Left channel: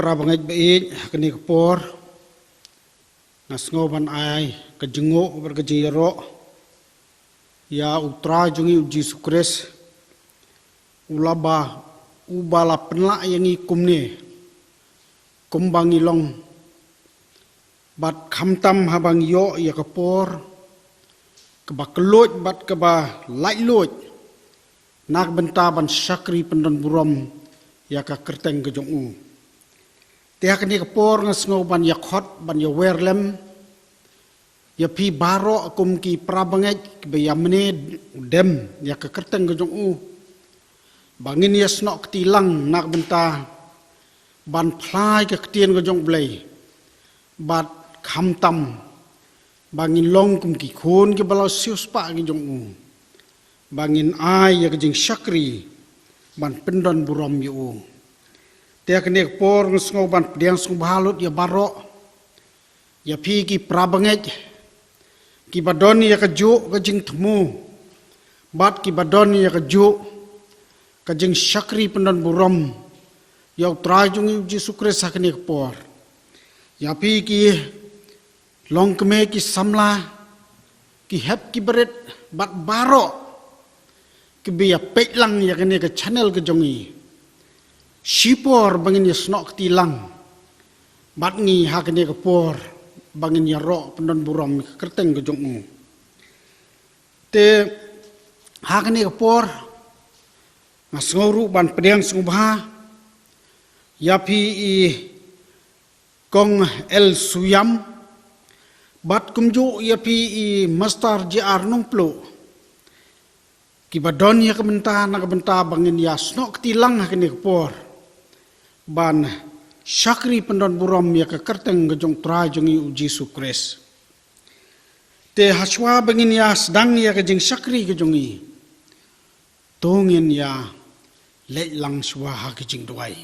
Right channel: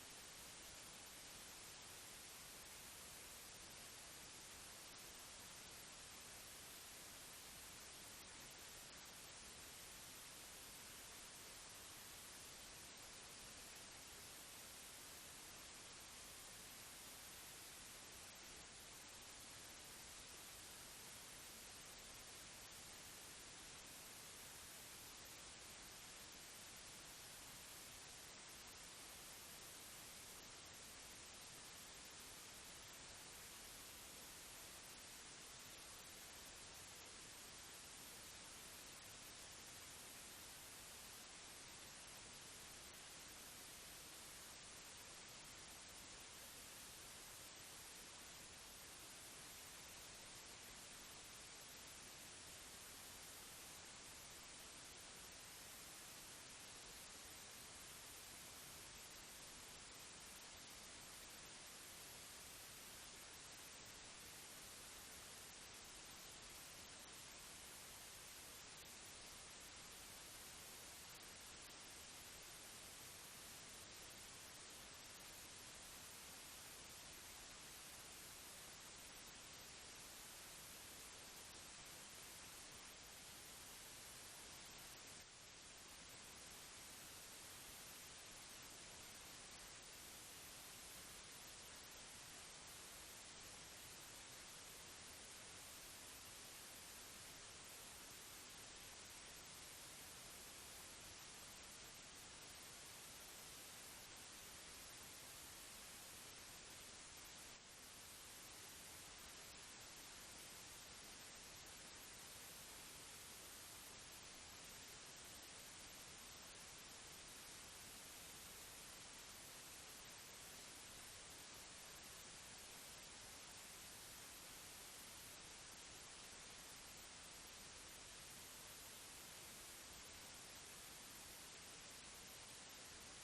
Prabangaj baik kini kepor ngasngoban ai kejenguk berkejiro ya utra jungi uji sukres ulaba ubala penla yang ikum ni kumbang ilong bat khamtam habang yo ya kepor keba kelut bat keba lai lut nak bentaban syakri pendon burom ya ka kerteng kejong tiak ni kepor ngasngoban ya khot ban ya werlem ya pi baro akum ki prabangaj be yamne dem ya ka kerteng kejong bangin ya snok tilang nak benta ban phlai ka ketien kejong blai bat khamtam bangin long kum ki khon ke balau sius pa kejong bangin ai ya kejing syakri ban pendon burom yu tiak ni kepor ngasngoban pediang sung balut ya baro ya pi ki prabangaj ki badoni ya kejuk kejing temu bat ki badoni ya kejuk kejing syakri pendon burom ya trajung uji sukres sakni kepor ya pi ki long keme ki samla ki hep ki berit bat baro ki be ya petlang ya kene ke channel ke jongi sipor bangin ya snok tilang bat ngi ha kene kepor bangin ya ro pendon burom kerteng ke jong te ha kene kepor ngasngoru ban pediang sungba ya pi i kong el suyam bat kumju ya pi i mastar jr numplo ki badon ya kebenta nak benta bangin ya snok tilang ha kene kepor ban syakri pendon burom ya ke kerteng gejong trajungi uji sukres te haswa bangin ya sedang ya kejing syakri kejongi tongin ya lek lang suah kejing duai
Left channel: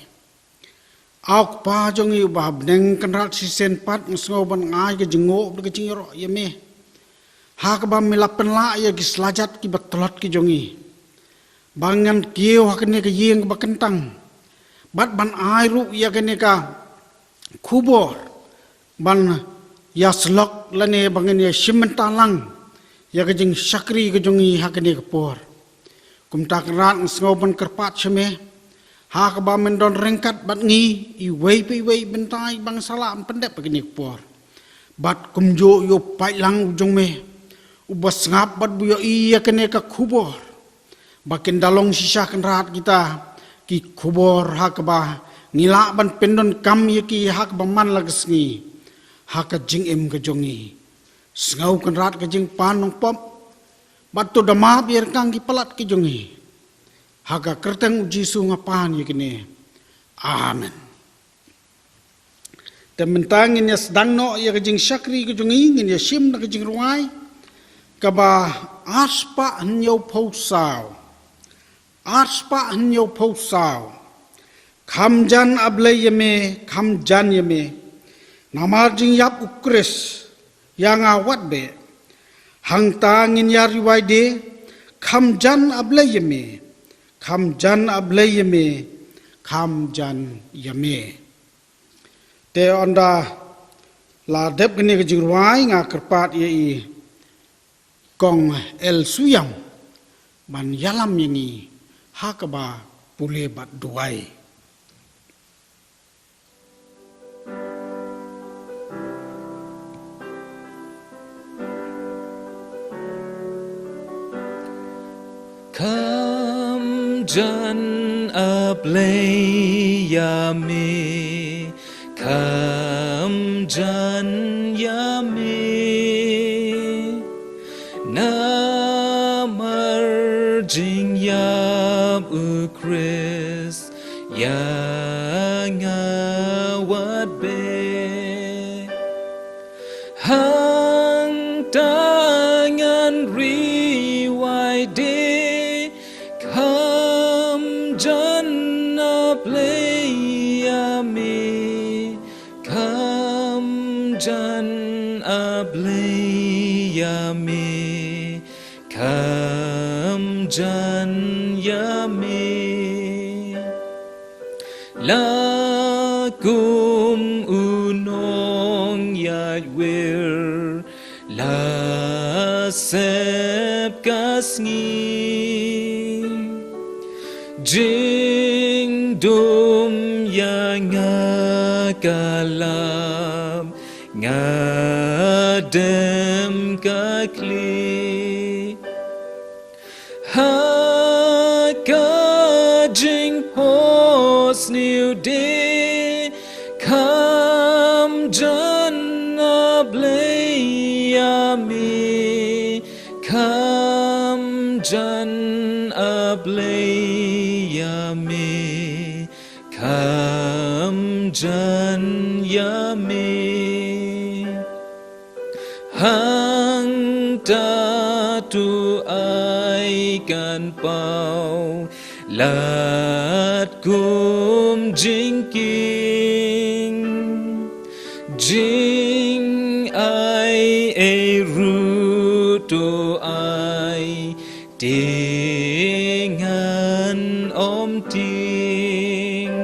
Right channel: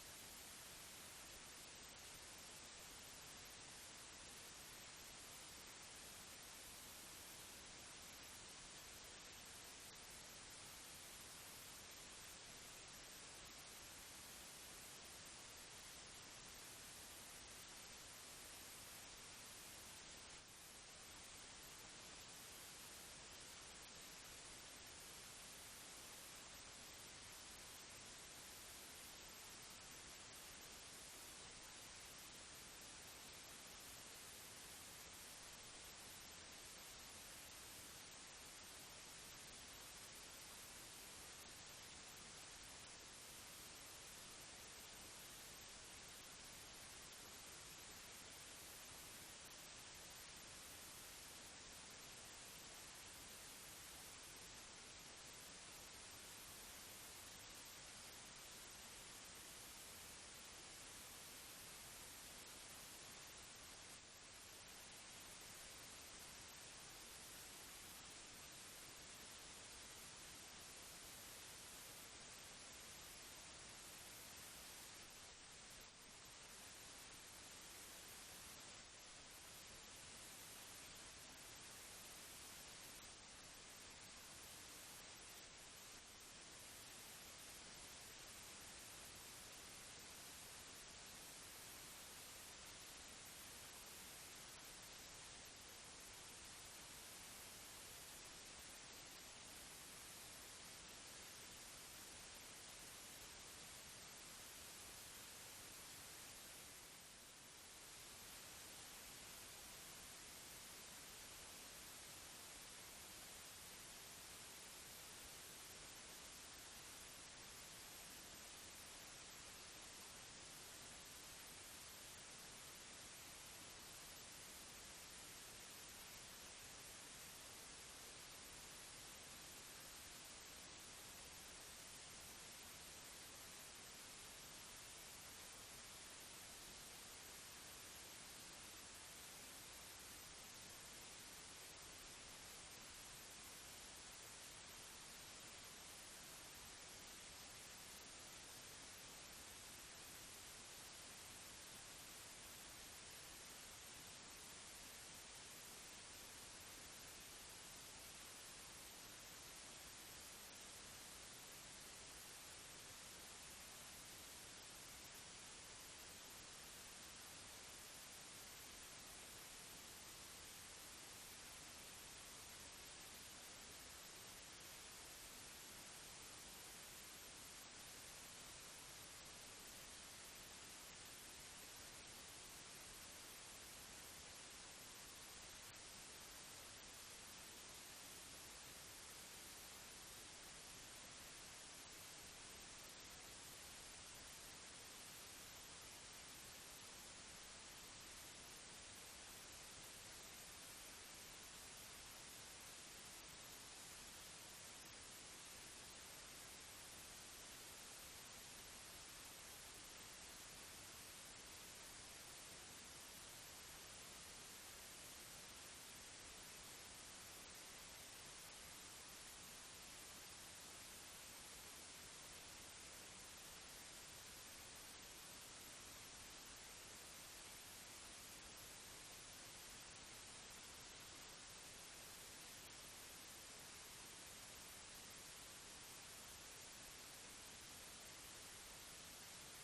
auk pa jongi bah beneng kenrat sisen pat ngasngoban ngai kejengok kejing ro ya me ha ka bam milapen la ya gislajat ki betlot ki jongi bangan kieu ha kene ke yeng ba kentang bat ban airu ya kene ka kubor ban ya slok lane bangen ya simentalang ya kejing syakri kejongi ha kene kepor kumta kerat ngasngoban kerpat seme ha ka ba mendon rengkat bat ngi i wei pi wei bentai bang salam pendep begini kepor bat kumjo yo pailang ujung me ubas ngap bat buyo iya kene ka kubor bakin dalong sisa kerat kita ki kubor ha ka ba ngila ban pendon kam ye ki ha ka ba man lagesngi ha ka jing em ka jongi sngau kerat ka jing panong pom bat to dama biar kang ki palat ki jongi ha ka kerteng uji su ngapan ye kene amen tementang in ya sedang no ya ka jing syakri ka jongi ngin ya sim na ka jing ruai ka ba aspa nyau phosau aspa nyau phosau khamjan ablay yeme khamjan yeme namar jing yap ukres yang awat be hang tangin ya riwai de khamjan ablay yeme khamjan ablay yeme khamjan yeme te onda la dep gene ke jingruai nga kerpat ye kong el suyam ban yalam yengi hakaba pule bat duai Khamjan ablay yame khamjan yame namar jing yam ukris yang awat be hang tangan riwai de khamjan ablay yame khamjan ablay yame khamjan yame la kum unong yat wir la sep kasngi jing dum ya nga kalam nga dem ka kli ha ka jing pos new day kam jana blay yami kam jan ablay yami kam jan yami hang ta tu ai kan pau lat kum jing king jing ai e ru to ai dengan om ting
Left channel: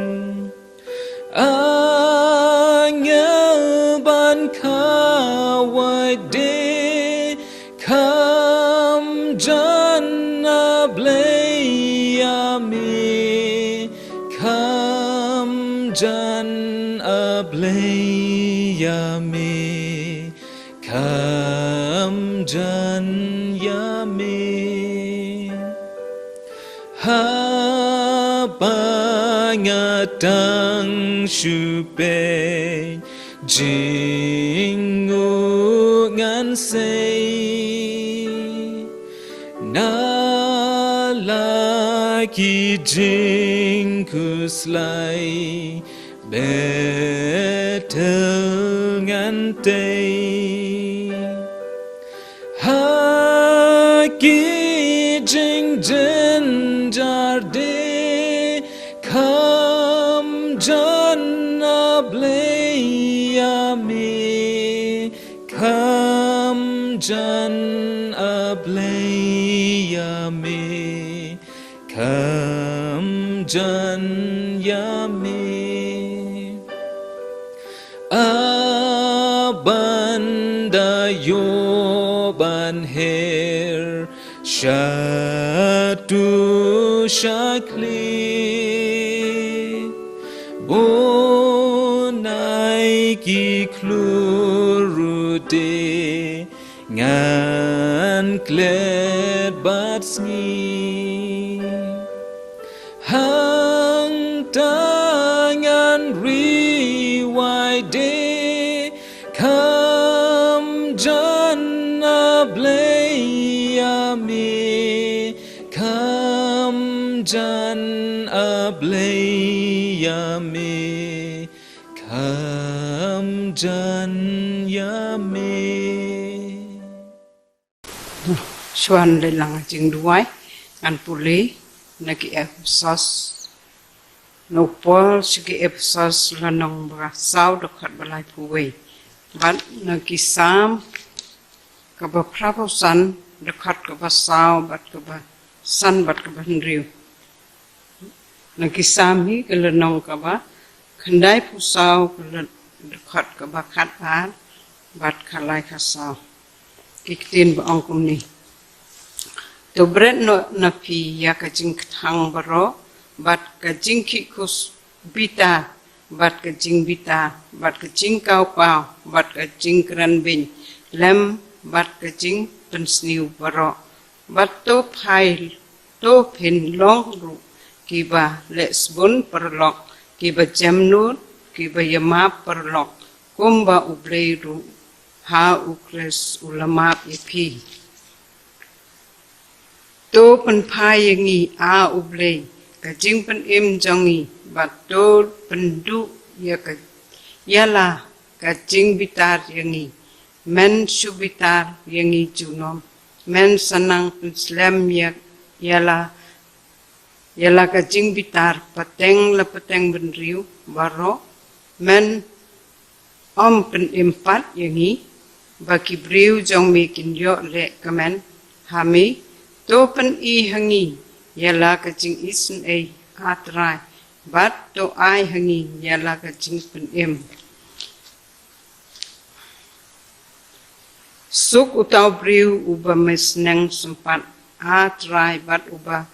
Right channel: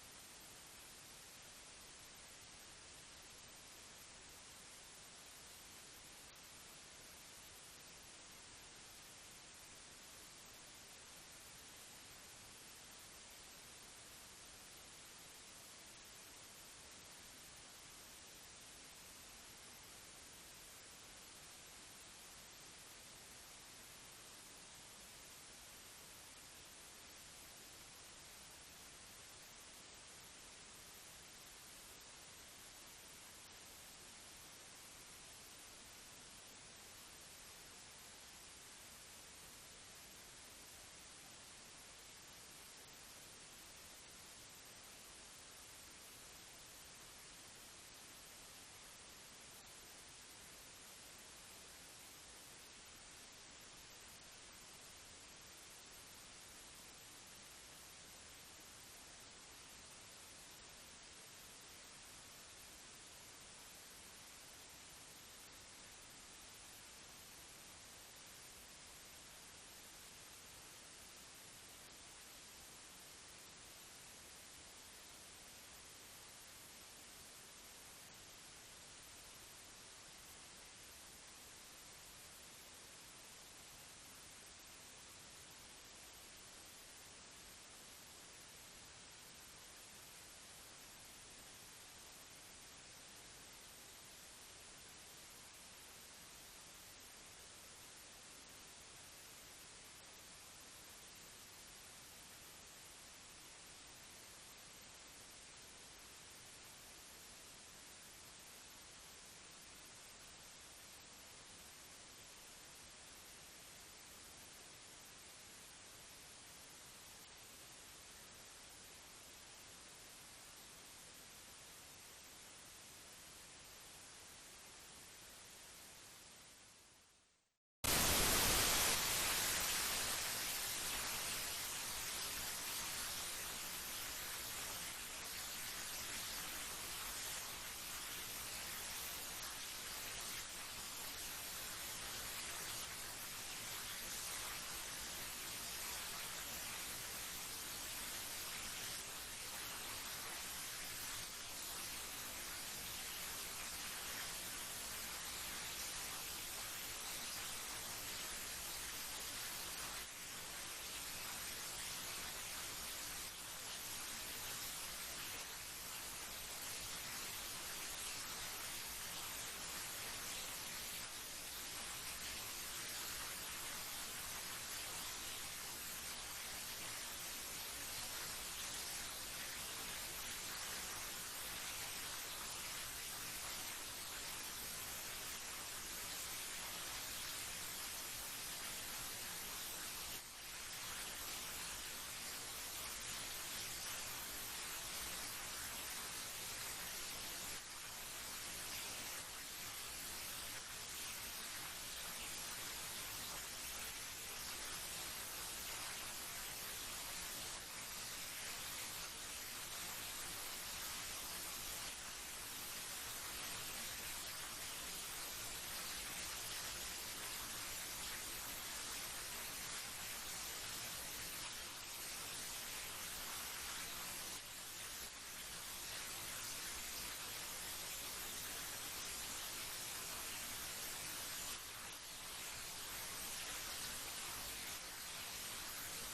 ban kawai de kam jana blay yami kam jan ablay yami kam jan yami ha bangatang shupe jingu ngan say na laki jing kuslai betel ngan tay ha ki jing jen jar de kam jana blay yami kam jan ablay yami kam jan yami abanda yoban her shatu shakli bonai ki klurute ngan klet bat sngi hang tangan riwai de kam jana blay yami kam jan ablay yami kam jan yami Xuân lên làng chừng đuôi ăn puli naki Ephesus no Paul sigi Ephesus la nong bra sao được khát balai puwe ban naki sam ka ba prabo san được khát ka ba sao bat ka ba san bat ka ba riu naki sam hi ka la nong ka ba khandai pu sao ka la được khát ka ba khát ba bat khalai ka sao kitin ba ong kum ni to bret no na pi ya ka jing thang baro bat ka jing ki kus bita bat ka jing bita bat ka jing kau pau bat ka jing kran bin lem bat ka jing pen sniu baro bat to phai to phin long lu ki ba les bun perlok ki ba jam nu ki ba yama perlok kumba ubleiru ha ukres ulama ipi to pen phai yangi a ublei ka jing pen im jongi bat to pen du ya ka yala ka jing bitar yangi men subitar yangi junom men sanang islam ya yala ka jing bitar pateng la pateng ben riu baro men om pen impat yangi baki briu jong mi kin yo le kamen hami to pen I hangi yala ka jing isun atrai bat to ai hangi yala ka jing pen em suk utau priu uba mesneng sempat atrai bat uba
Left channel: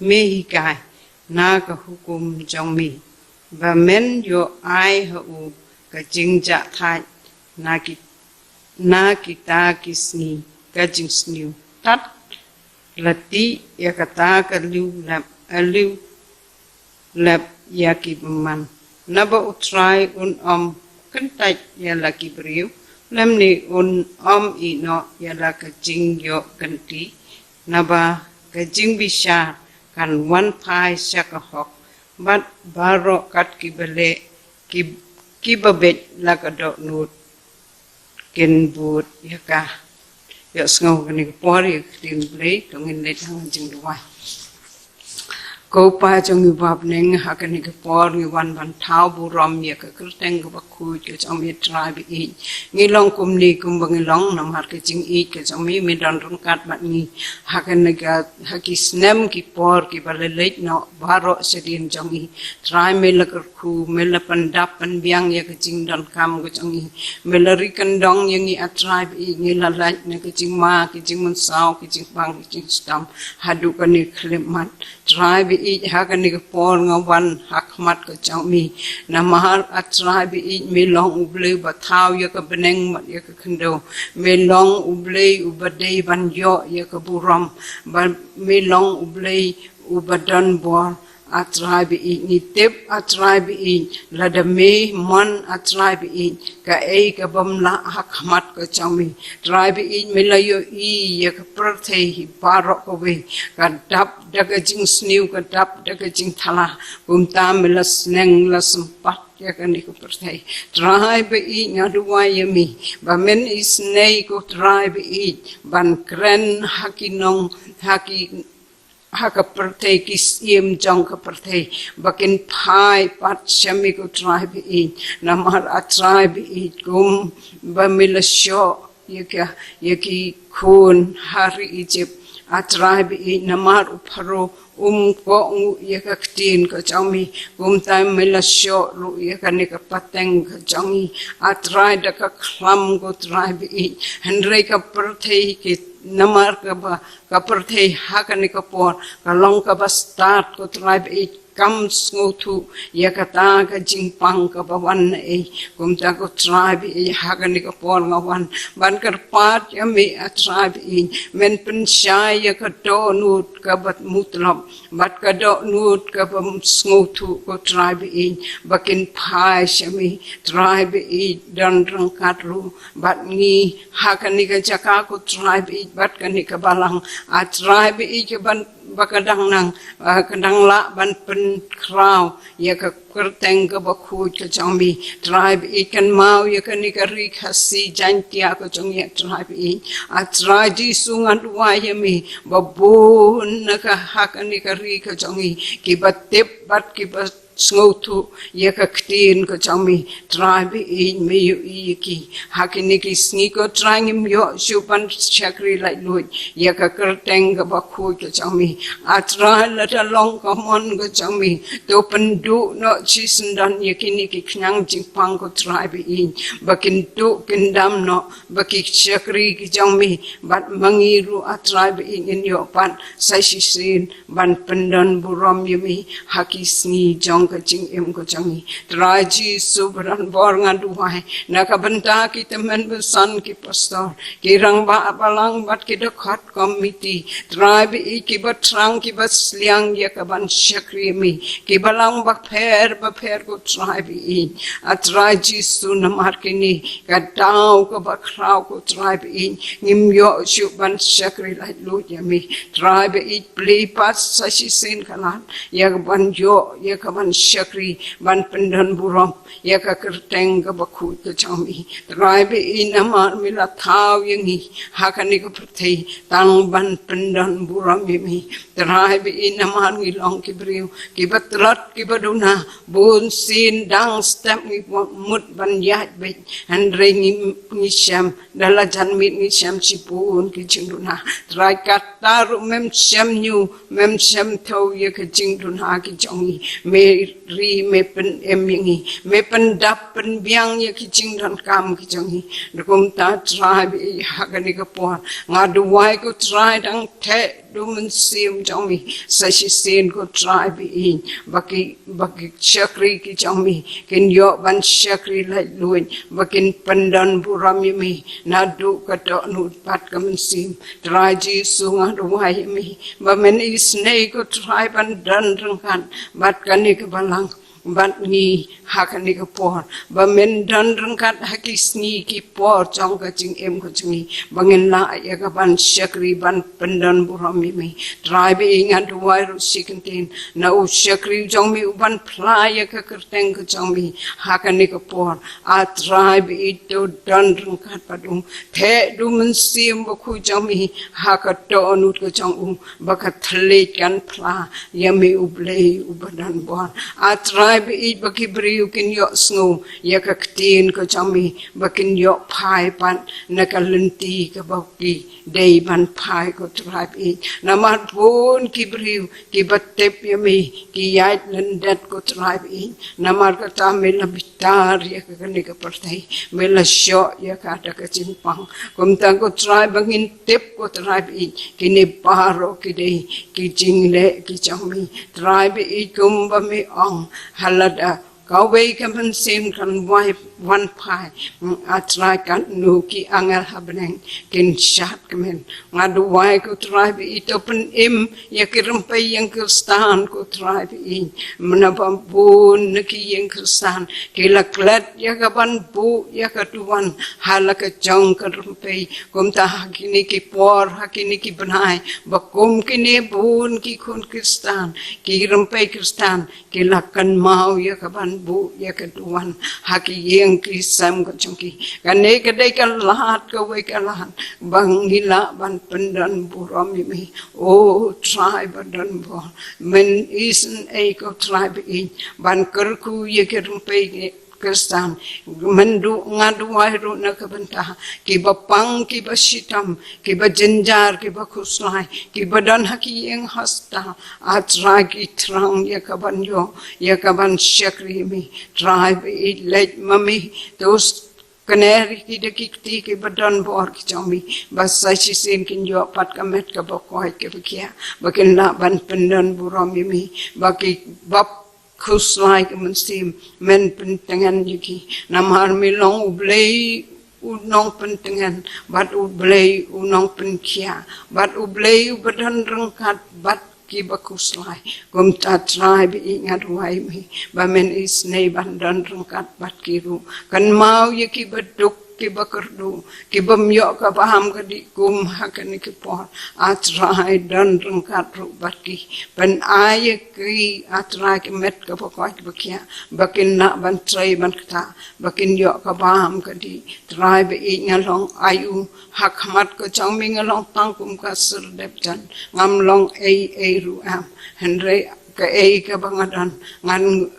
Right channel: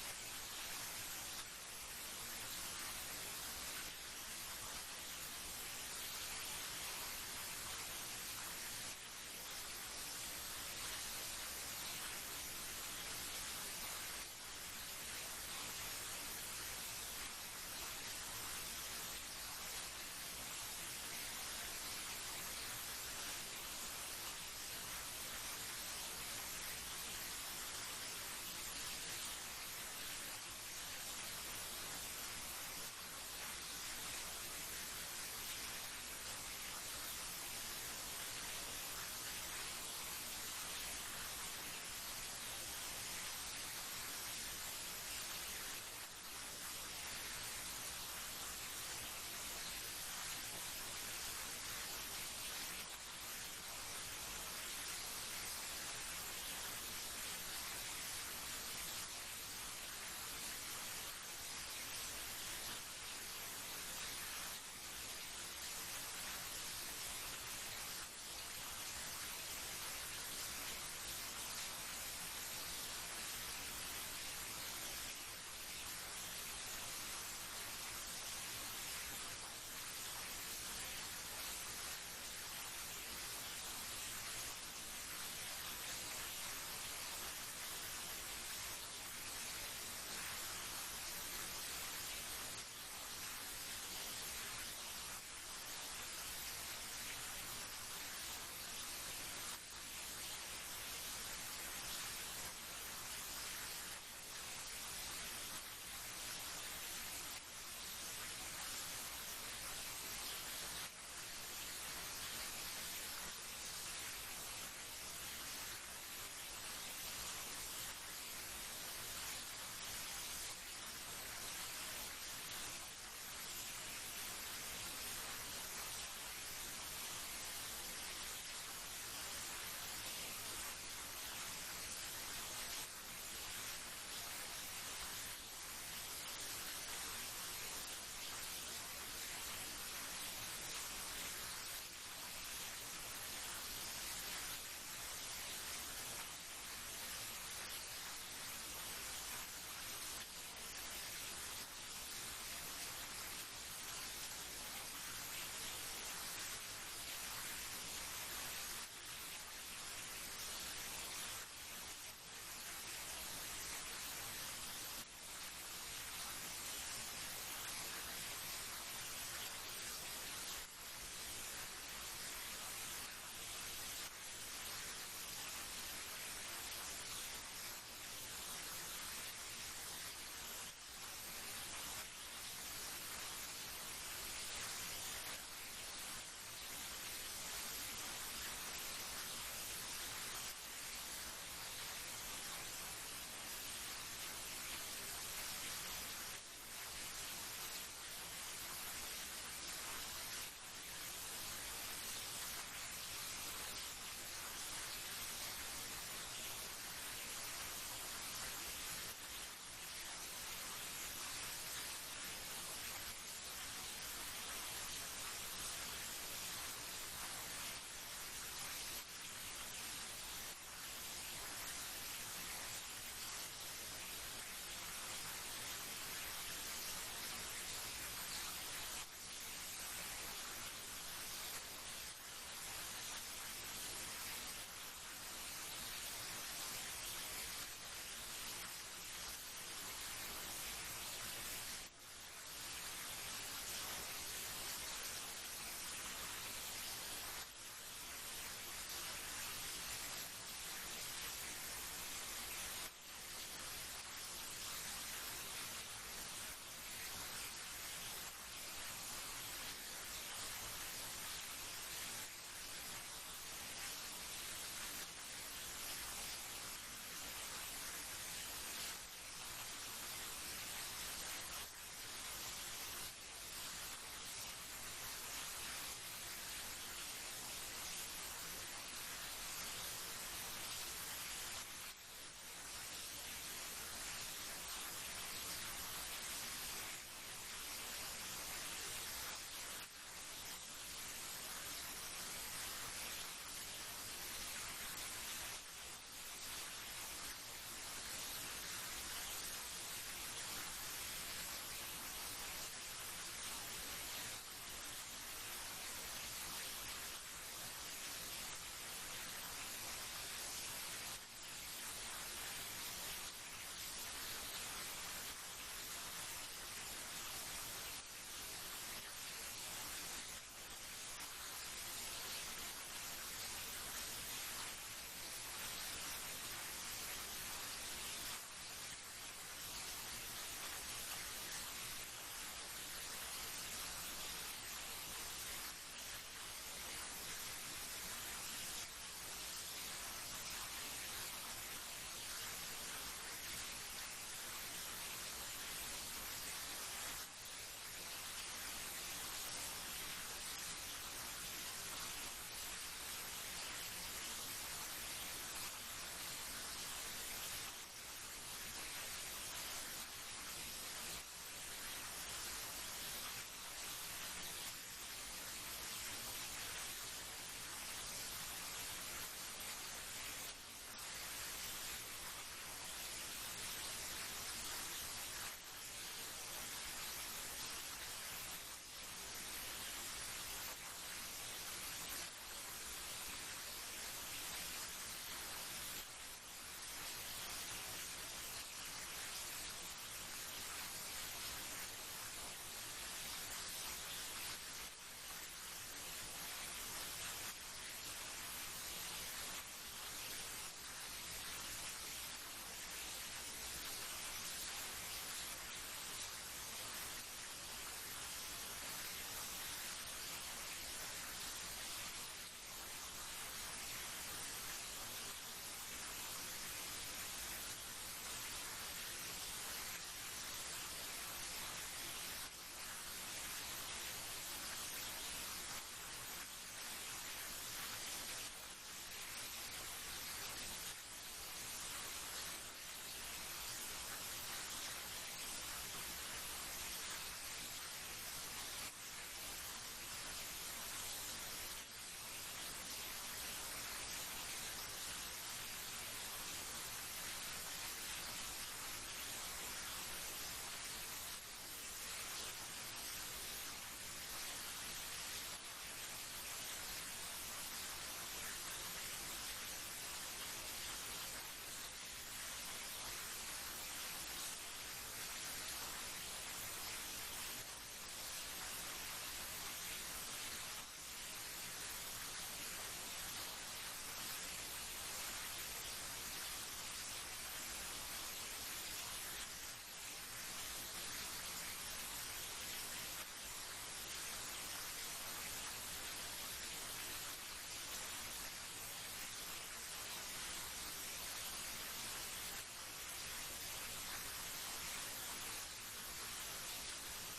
mehikai na ka hukum jong mi ba men yo ai ha u ka jing ja thai na kita kisni ka jing sniu tat lati ya kata ka liu lap ya ki man na ba utrai kentai ya laki beriu lam ni i no ya la ka jing yo kanti na ba ka jing bisha kan wan pai shaka hok bat baro kat ki bele ki babet la ka do nut ken but ya ka ya sngo ni pori tin ble tong in le thang jing duai ko pa jong yu bab neng ha ka ni ka por ngi wan thau bu rom ye ka krteng ka khu ke jong mi trai bi i ngi long kum ni kum bang long nam har ke jing i ke jong mi don rong kat mat ni ha ka ni ka ha ki snem ki por ki bale le no baro sedin jong i trai me la ka khu me la pan dap pan biang ye ka jing don kam ko jong i me la ri kan dong ye ngi atrai bi ngi la la ne ka jing ma ki jing mun sao ki jing bang ki jing stam ha du ka ni khlemat trai bi i ha ka ni ka por nga wan hak mat ka chang mi na mahar at trai bi i me long uble ba thau ya ka beneng mat ya ka khndo me long uble ubade ban yo ya ka buram ba me long uble ubadan bo atrai bi i ni tep atrai bi i la da me man atrai bi i ka e ka bam la hak mat ka chang mi trai bi i me la yo i ya ka prthe hi paro ko we ka dap daga jing sniu ka dap daga jing thala bum ta me la sneng la sempat ya ka ni ko prthe trai bi i nya duwa ya mi ba men is nei ko trai bi i ban kren hakinong haki haka perthe ki sim jong ka perthe bakin phai pat shami ko tribe i namar a tribe i kum ba milasho yaki khun hari Egypt a tribe i namar upharo ko yakaktin ka chami kum time milasho ru yakani ka pateng ka changi a tribe da ka khlam ko tribe i henre ka perthe ki namar ka ba kaperthe hakani kapor kalong ka ba start ko tribe it comes go to yakata ka jingpang ka bawan e kumta ko tribe e hakani kapor ngawan ban kar pat yami a tribe e men pen shai ka do nut ka bat mutlab bat ka do nut ka ba sngo to ko tribe e bakin phai shami tribe e dan rang katru bat ngi hakani ka jaka ko tribe e bat kani ka balang a tribe i ke ban bakadang nang kadang la ban pen kraw ya ka kerteng ka bakhu ka chambi tribe i kan mau ya kan ni ka ri khasi jantia ko chong ya tribe i a tribe di sungan wa ya mi babun na ka hakani ka ri ka chong i ki batep bat ki bat sngotu ya ka ktin ko chambi tribe i me yu i ki hakini ki sni ko trangim yo shupan chakri lai lui ya ka kerteng ka bakhu ko chambi atra la ta long ka mon ko chambi to pendu no chisendan ya kini ki knyang jingpang ko tribe i bakin tu kindam no baki chakri ki chambi bat mangiru a tribe i in yo pan sai sin ban pendan buram yumi hakisni jong ka jing em ko changi traji subran bor ngaduai nakabanta ki temen besan ki pastor ki rang ba balang bat ki dekat komiti tribe i ki batrang ki basliang ya ka ban shakri mi ki balang ba pher ko tribe i atraji sunamar kini ka dau ko ba kraw ko tribe i ngim yo shu ban shakri lai lu ya mi tribe i play pas sashi sin kalan ya ban yo ya ka ban shakri ban pendan buram ya ka kerteng ka bakhu to chami tribe i namar mila thau yangi hakani ko prthei tang ban pendan buram mi tribe i namar ngi long ki briu ki batrat ki baduna bun sin dang step ngi mut ban ya be han rengi ni sham dala janmit ni sham sipun ki chingduna trai kataru mem sham nyu mem sham thau ya ka chingduna ki chongi me ri me pen emingi me pen dap pen biang ya kicing dan kam kicangi dukum ta try bi hagani ka por ngadu wai ko try dang te du men sim jong mi sa shi sin ko try bi in baki chakri ki jong mi kin yo ban chakri lai luin bakin pandan burami mi nadu ka to nu pat ka men sim try ji su ngadu wai mi ba men is nei ko try ban dan rang kan bat kani ka balang bat ni hakani ka por ba men dan rang kat hakis ni ki por chong ka ching em ko chungi bangin la ya ka ban shakri ban pandan burami mi try bi ingat wai ru sikentin na u shakri jong mi ban pla ya ka kerteng ko chong mi hakani ka por a try bi to dan rang kat padum the du men sim ba khu jong mi hakato anut ko chong u ba ka thle kan pla ya mi u blei u badan bon a try bi baki briu kin yo snow ya ka ktin ko chami bakin yo phai pan nakalenti ka baki dei ban phai ko tribe i namat pun ki briu ki battep yami ki yait nandat ko tribe i namar ka ta mela bitar ya ka ni ka partai mela sho ya ka ta ka chimpang kum ta ko tribe bangin tep ko tribe i ki ne paro ki dei ki jingle ki chami tribe i kum ba mi ong halada kau wei kan pen sim kan wai wan pai a try kan nu ki angal habneng kin shat kemen ngadu wai ko try bi to pen im ya kiram pe yang kristan ko try bi menapa pun neki yang kristan ki laklat ya ka ban bu ya ka tuan halaka jong ka rumpe kum ta hakini ki por hakini ki banai bakum kini bun ki kun kristan ki rumpe kristan ki lakan mau ya ka ban bu ya ka tuan haki yang krisam ko chungki kane kadai kan lahat ko we ka lahat bangila ban pendan buram mi o tribe dan bo men isen e ko tribe in ban kerku ye ke rumpe kristan mendu ngadu wairu na kabanta ki bapang ki basitam ki bajenjar ki bakuslai ki badan haki yang hasta atra ki trang ya kabanyo ya kaban shakri mi tribe it let mami those kaneri ki dekikti ki badan bor ki chami basa sin kin yo pat kamet ka bakoi ke bakia bakin na ban pendan burami mi baki bap kus like mensim men pentengan yuki namar milong ublei unong pentengan bat ublei unong penkia bat ublei badan rengkat bat ki bakus lai kum ta try bi ingat wai mi ba men is nei bandan rengkat bat kiru kan mau yuki beduk ki bakerdu ki bamyo ka paham ka di kum hakan ki po atrai dan rengkat rubat ki pen ay ki atrai ki met ka pokoi ki bakia bakin na ban trai ban kata bakin yo ka paham ka di trai be ngalong ayu hakmat ko chang mi ngalong tangkum ka serdep jan ngamlong ei ru am henre ka ei ka bangadan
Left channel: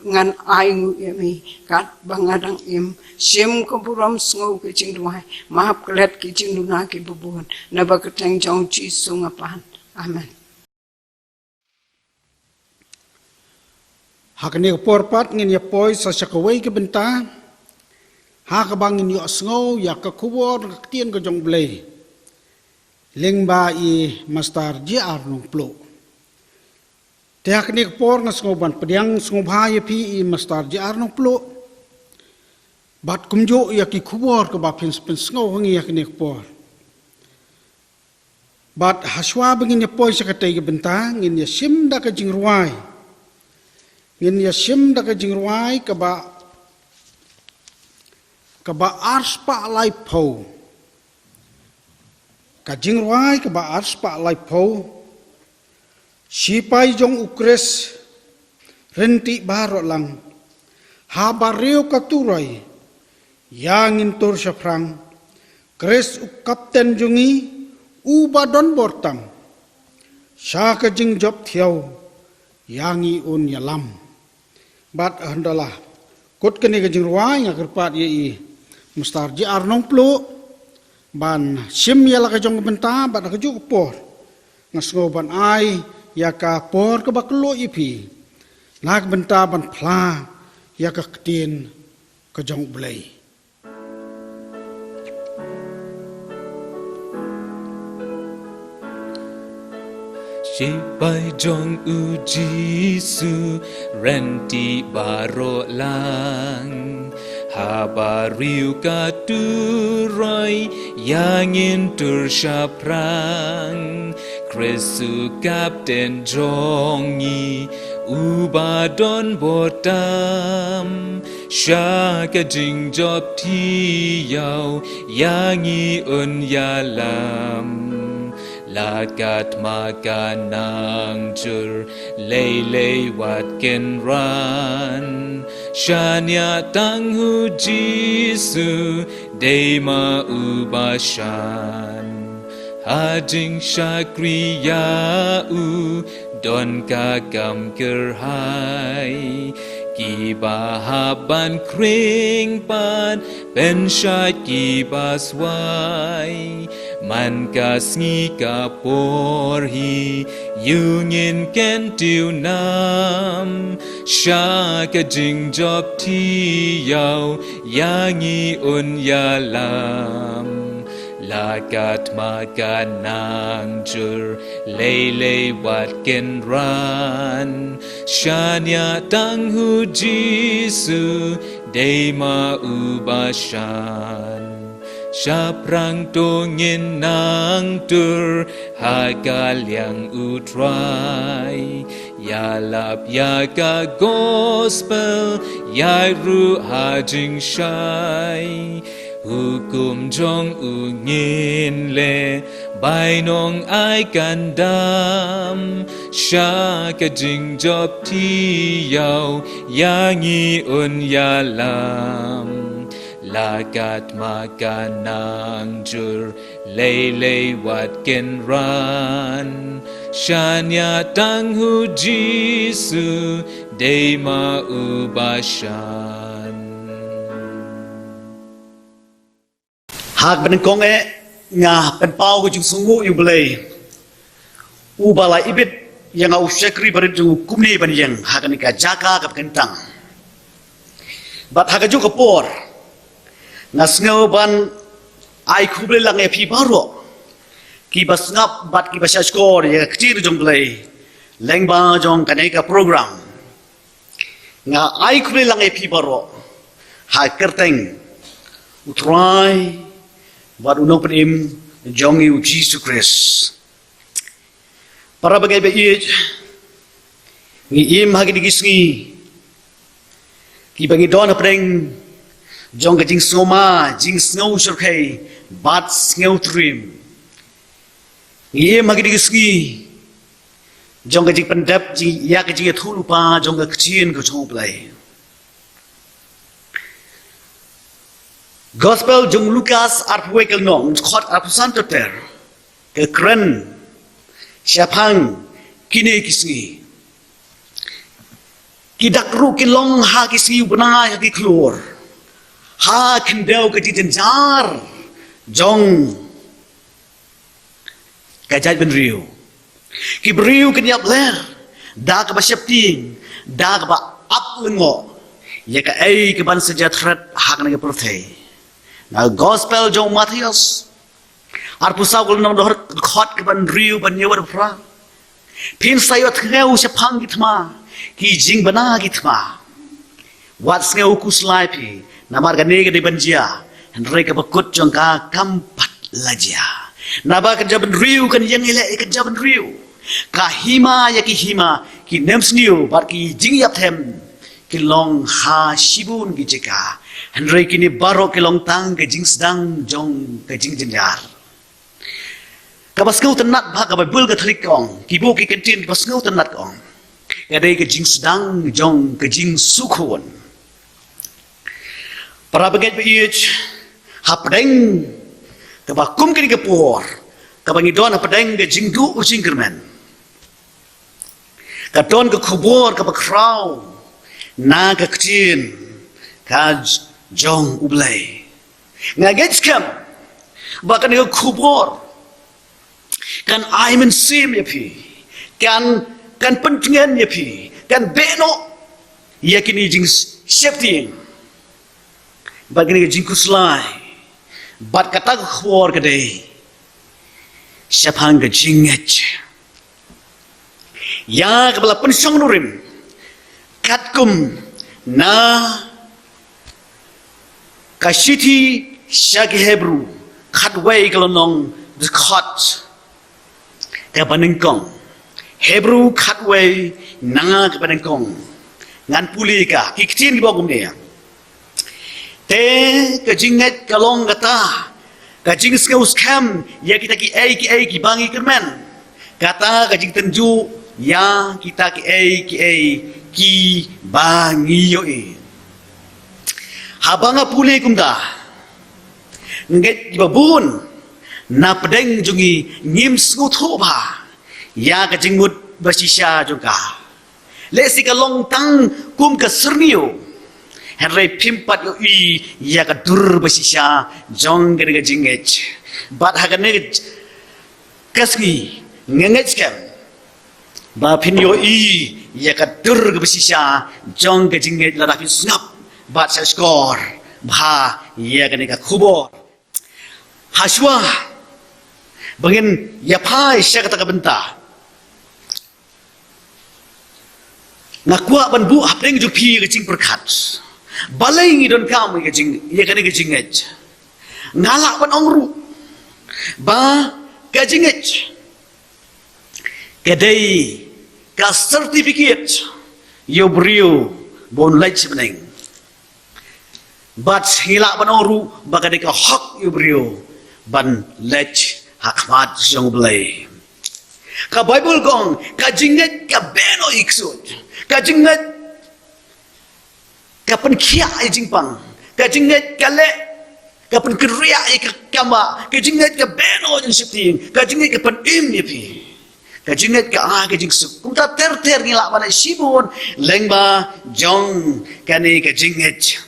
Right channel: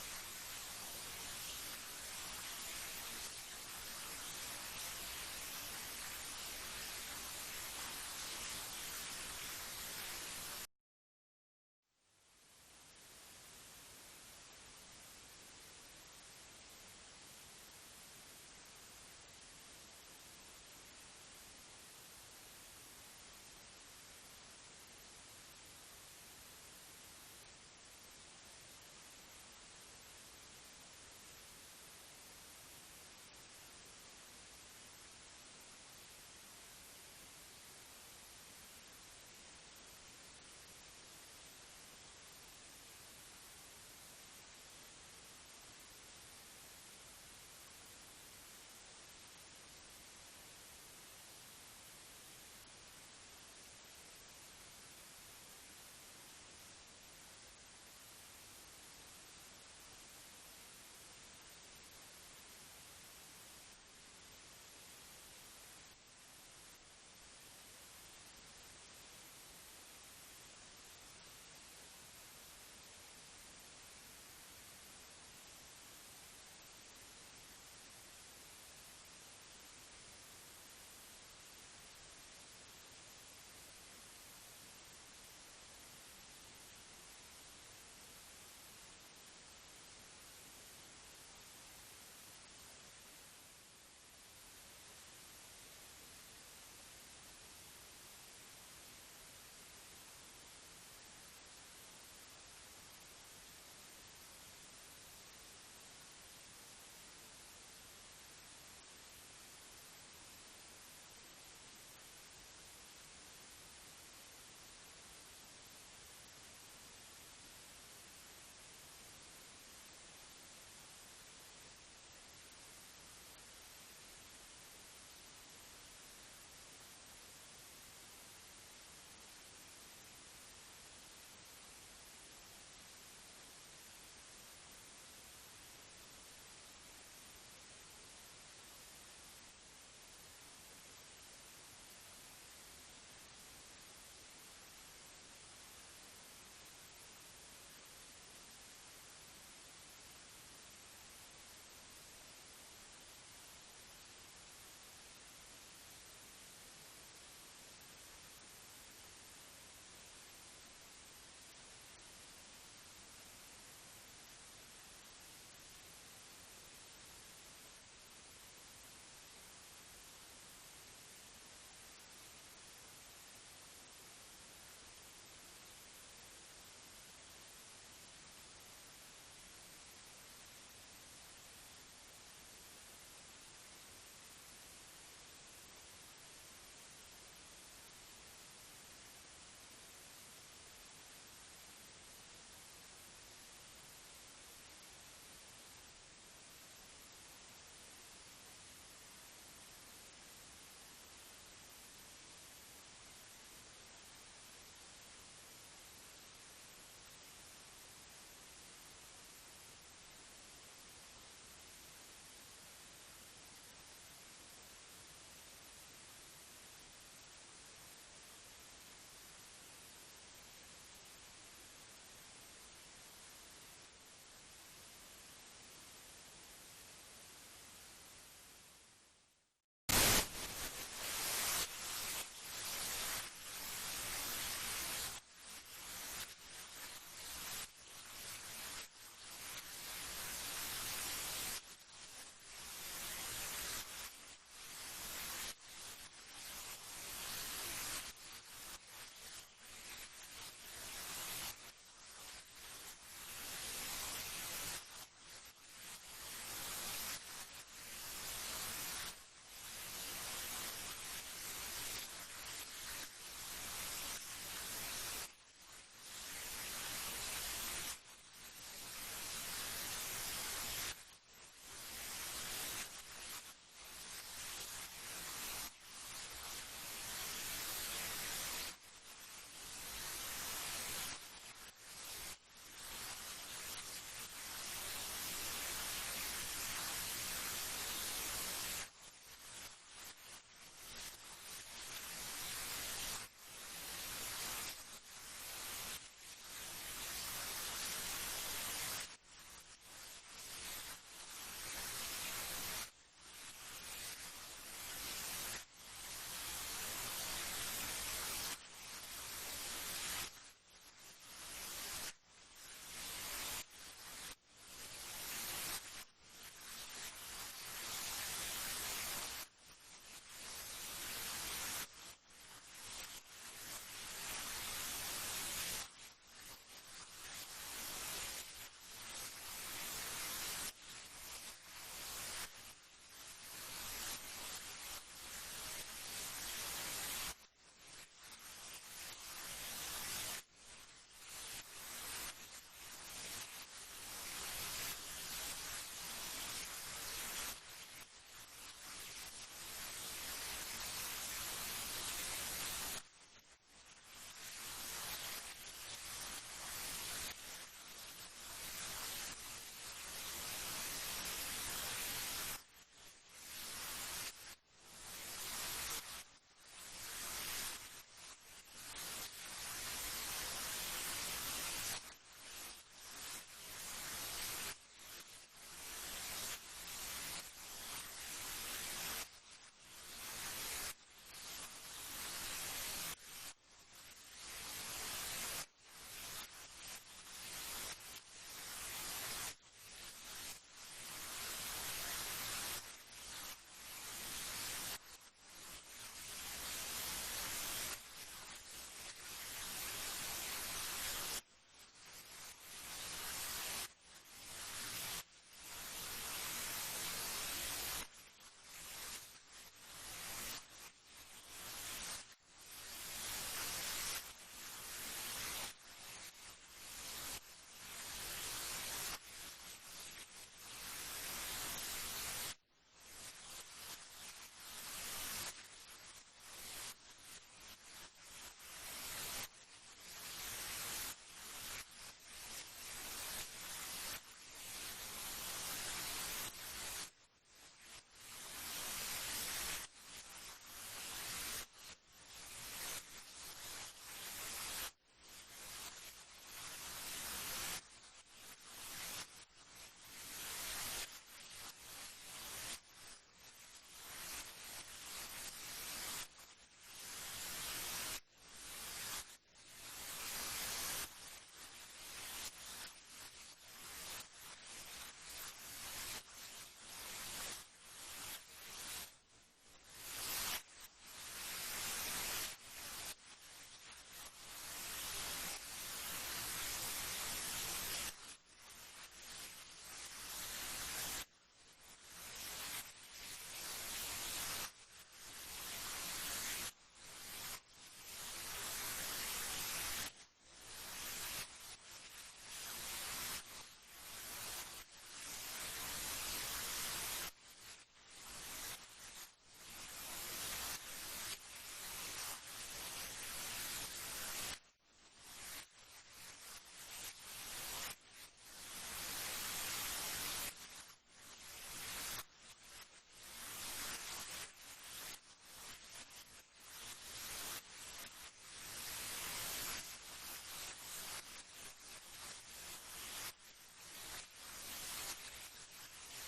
ngan ayu yami kat bangadang im sim ko buram sngo ke ching duai mahap klet ke ching duna ke bubun na ba ka tang jong chi sunga pan amen hakni porpat ngin ya poi sa sakawai ke benta ha ka bangin yo sngo ya ka kubor tien ko jong blei lengba i mastar ji arnong plo te hakni por nga sngo ban pediang sngo bha pi i mastar ji arnong plo bat kumjo ya ki kubor ka ba pins sngo hangi ya kini por bat haswa bangin ya poi sa katay ke benta ngin ya sim da ka jingruai ngin ya sim da ka jingruai ka ba ars pa lai po ka jingruai ka ba ars pa lai po sipai jong ukres renti baro lang habareo ka turai yang intur syafrang kres u kapten jungi u badon bortam syaka jing job thiau yangi un yalam bat handalah kot kene ka jing ruai ngakerpat ye i mustar ji arnong plo ban sim yala ka jong benta bat ka ju por ngasngo ban ai ya ka por ka baklo ipi lak benta ban phla ya ka tin ka jong blai She by Jong U Jisu Renti Baro Lang Habariu Katuroi Yangin Tursha Prang Krisu Kapten Jongi Ubadon Botam Shaka Jing Job Ti Yao Yangi Un Yalam Lagat maganang jur lay wat ken ran Shanya tanghu Jisu Dema ubashan Hajing shakriya u Don kagam gerhai Kiba haban kring pan Ben shai kiba swai Man ka sngi ka porhi Yungin ken tiu nam Sha ka jing job ti yao Yangi un yalam Lagat maganang jur Lay wat ken ran Shanya tanghu Jisu Dema ubashan Shaprang tongin nang tur Hagaliang utrai Yalap yaga gospel Yairu hajing shai Hukum jong ungin le Bainong ai gandam Shaka jing job ti yao Yangi un yalam Lagat maganang jur Lay wat ken ran Shanya tanghu Jisu Dema ubashan Hak ben kong nga pen pau ko jung sungu yu blai u bala ibit yang au sekri bar jung kumni ban yang hak ni ka jaka ka kentang bat hak ju ka por na sngo ban ai kuble lang e pi baro ki bas ngap bat ki basha skor ya ktir jung blai leng ba jong ka nei ka program nga ai kuble lang e pi baro ha kerteng utrai Wat unong penim jongi u Jesus Christ. Para bagay ba iit ngi im hagi digisngi ki bangi don apreng jong jing soma jing snow surkay bat snow trim. Ngi im hagi digisngi jong jing pendap jing yak jing thulu pa jong kchin ko jong play. Gospel jung Lukas arpwekel nong khot apusanto ter ke kren siapang kini kisngi kidak ru kilong ha kisngi bana ya ki klur ha kendau ke didenjar jong kajaj ben riu ki briu ke niap ler da ka ba syapting da ka ba ap lengo ya ka ai ke ban sejatrat hak na ke perthai Now gospel jong Matthias arpusaw gul nam dohar khot ke ban riu ban yewar pra pin sayot ngeu se phang gitma ki jing bana gitma wat ngeu kuslai pi namar ga ne de banjia henre ka bakut jong ka kampat lajia naba ka jaban riu kan yang ile ka jaban riu ka hima ya ki hima ki nems niu bar ki jing yap them ki long ha shibun gi jeka Henry kini baro kelong tang ke jing sedang jong ke jing jenjar. Kabasngau tenat bah kababul ke telik kong. Kibu ki kentin kabasngau tenat kong. Kadai ke jing sedang jong ke jing sukun. Para bagai beich hapdeng kabakum kini kepor. Kabangidon hapdeng ke jing du jing kermen. Kadon ke kubur kabakrau. Na ke kecin. Kaj jong ublay ngagets kam bakan yo kubur kan aimen sim ya pi kan pentingan ya pi kan beno ia kini jing safety bagi ni jing kuslai bat kata khwar kadai syapang ke jingech ya kepala pensong nurim katkum na kashiti syagi Hebrew khatway kalonong khot ke banengkong Hebrew khatway nanga ke banengkong ngan puli ka kiktin di bogum dia te ke jinget kalong kata ka jing skaus kam ya kita ki ai ki bangi kermen kata ka jing tenju ya kita ki ai ki bangi yo habanga puli kumda nget di babun na pedeng jungi ngim sngu thoba ya ka jing mut basisya juga lesi ka long tang kum ka serniyo henry pimpat yo ya ka dur basisya jong ga jingech bat ha ka ne kasni ngengech kam ba pin yo ya ka dur basisya jong ga jingech la da snap bat sa skor ba ya ka ne ka khubor haswa bangin ya pai sya kata ka benta nakwa ban bu hapeng ju pi ke jing perkat balai ngi don kam ke jing ye kan ke jing ej ngalak ban ongru ba ke jing ej kedai ka certificate yo brio bon lech beneng bat hilak ban ongru ba kedai ka hak yo brio ban lech hakmat jong blai ka bible gong ka jing ej ka beno iksud kajingat kapan kia ai jingpang kajingat kale kapan keria ai kama kajingat ka beno jing sipting kajingat kapan ni pi kajingat ka kajing suk kumta ter ngila bana sibun lengba jong kani kajingat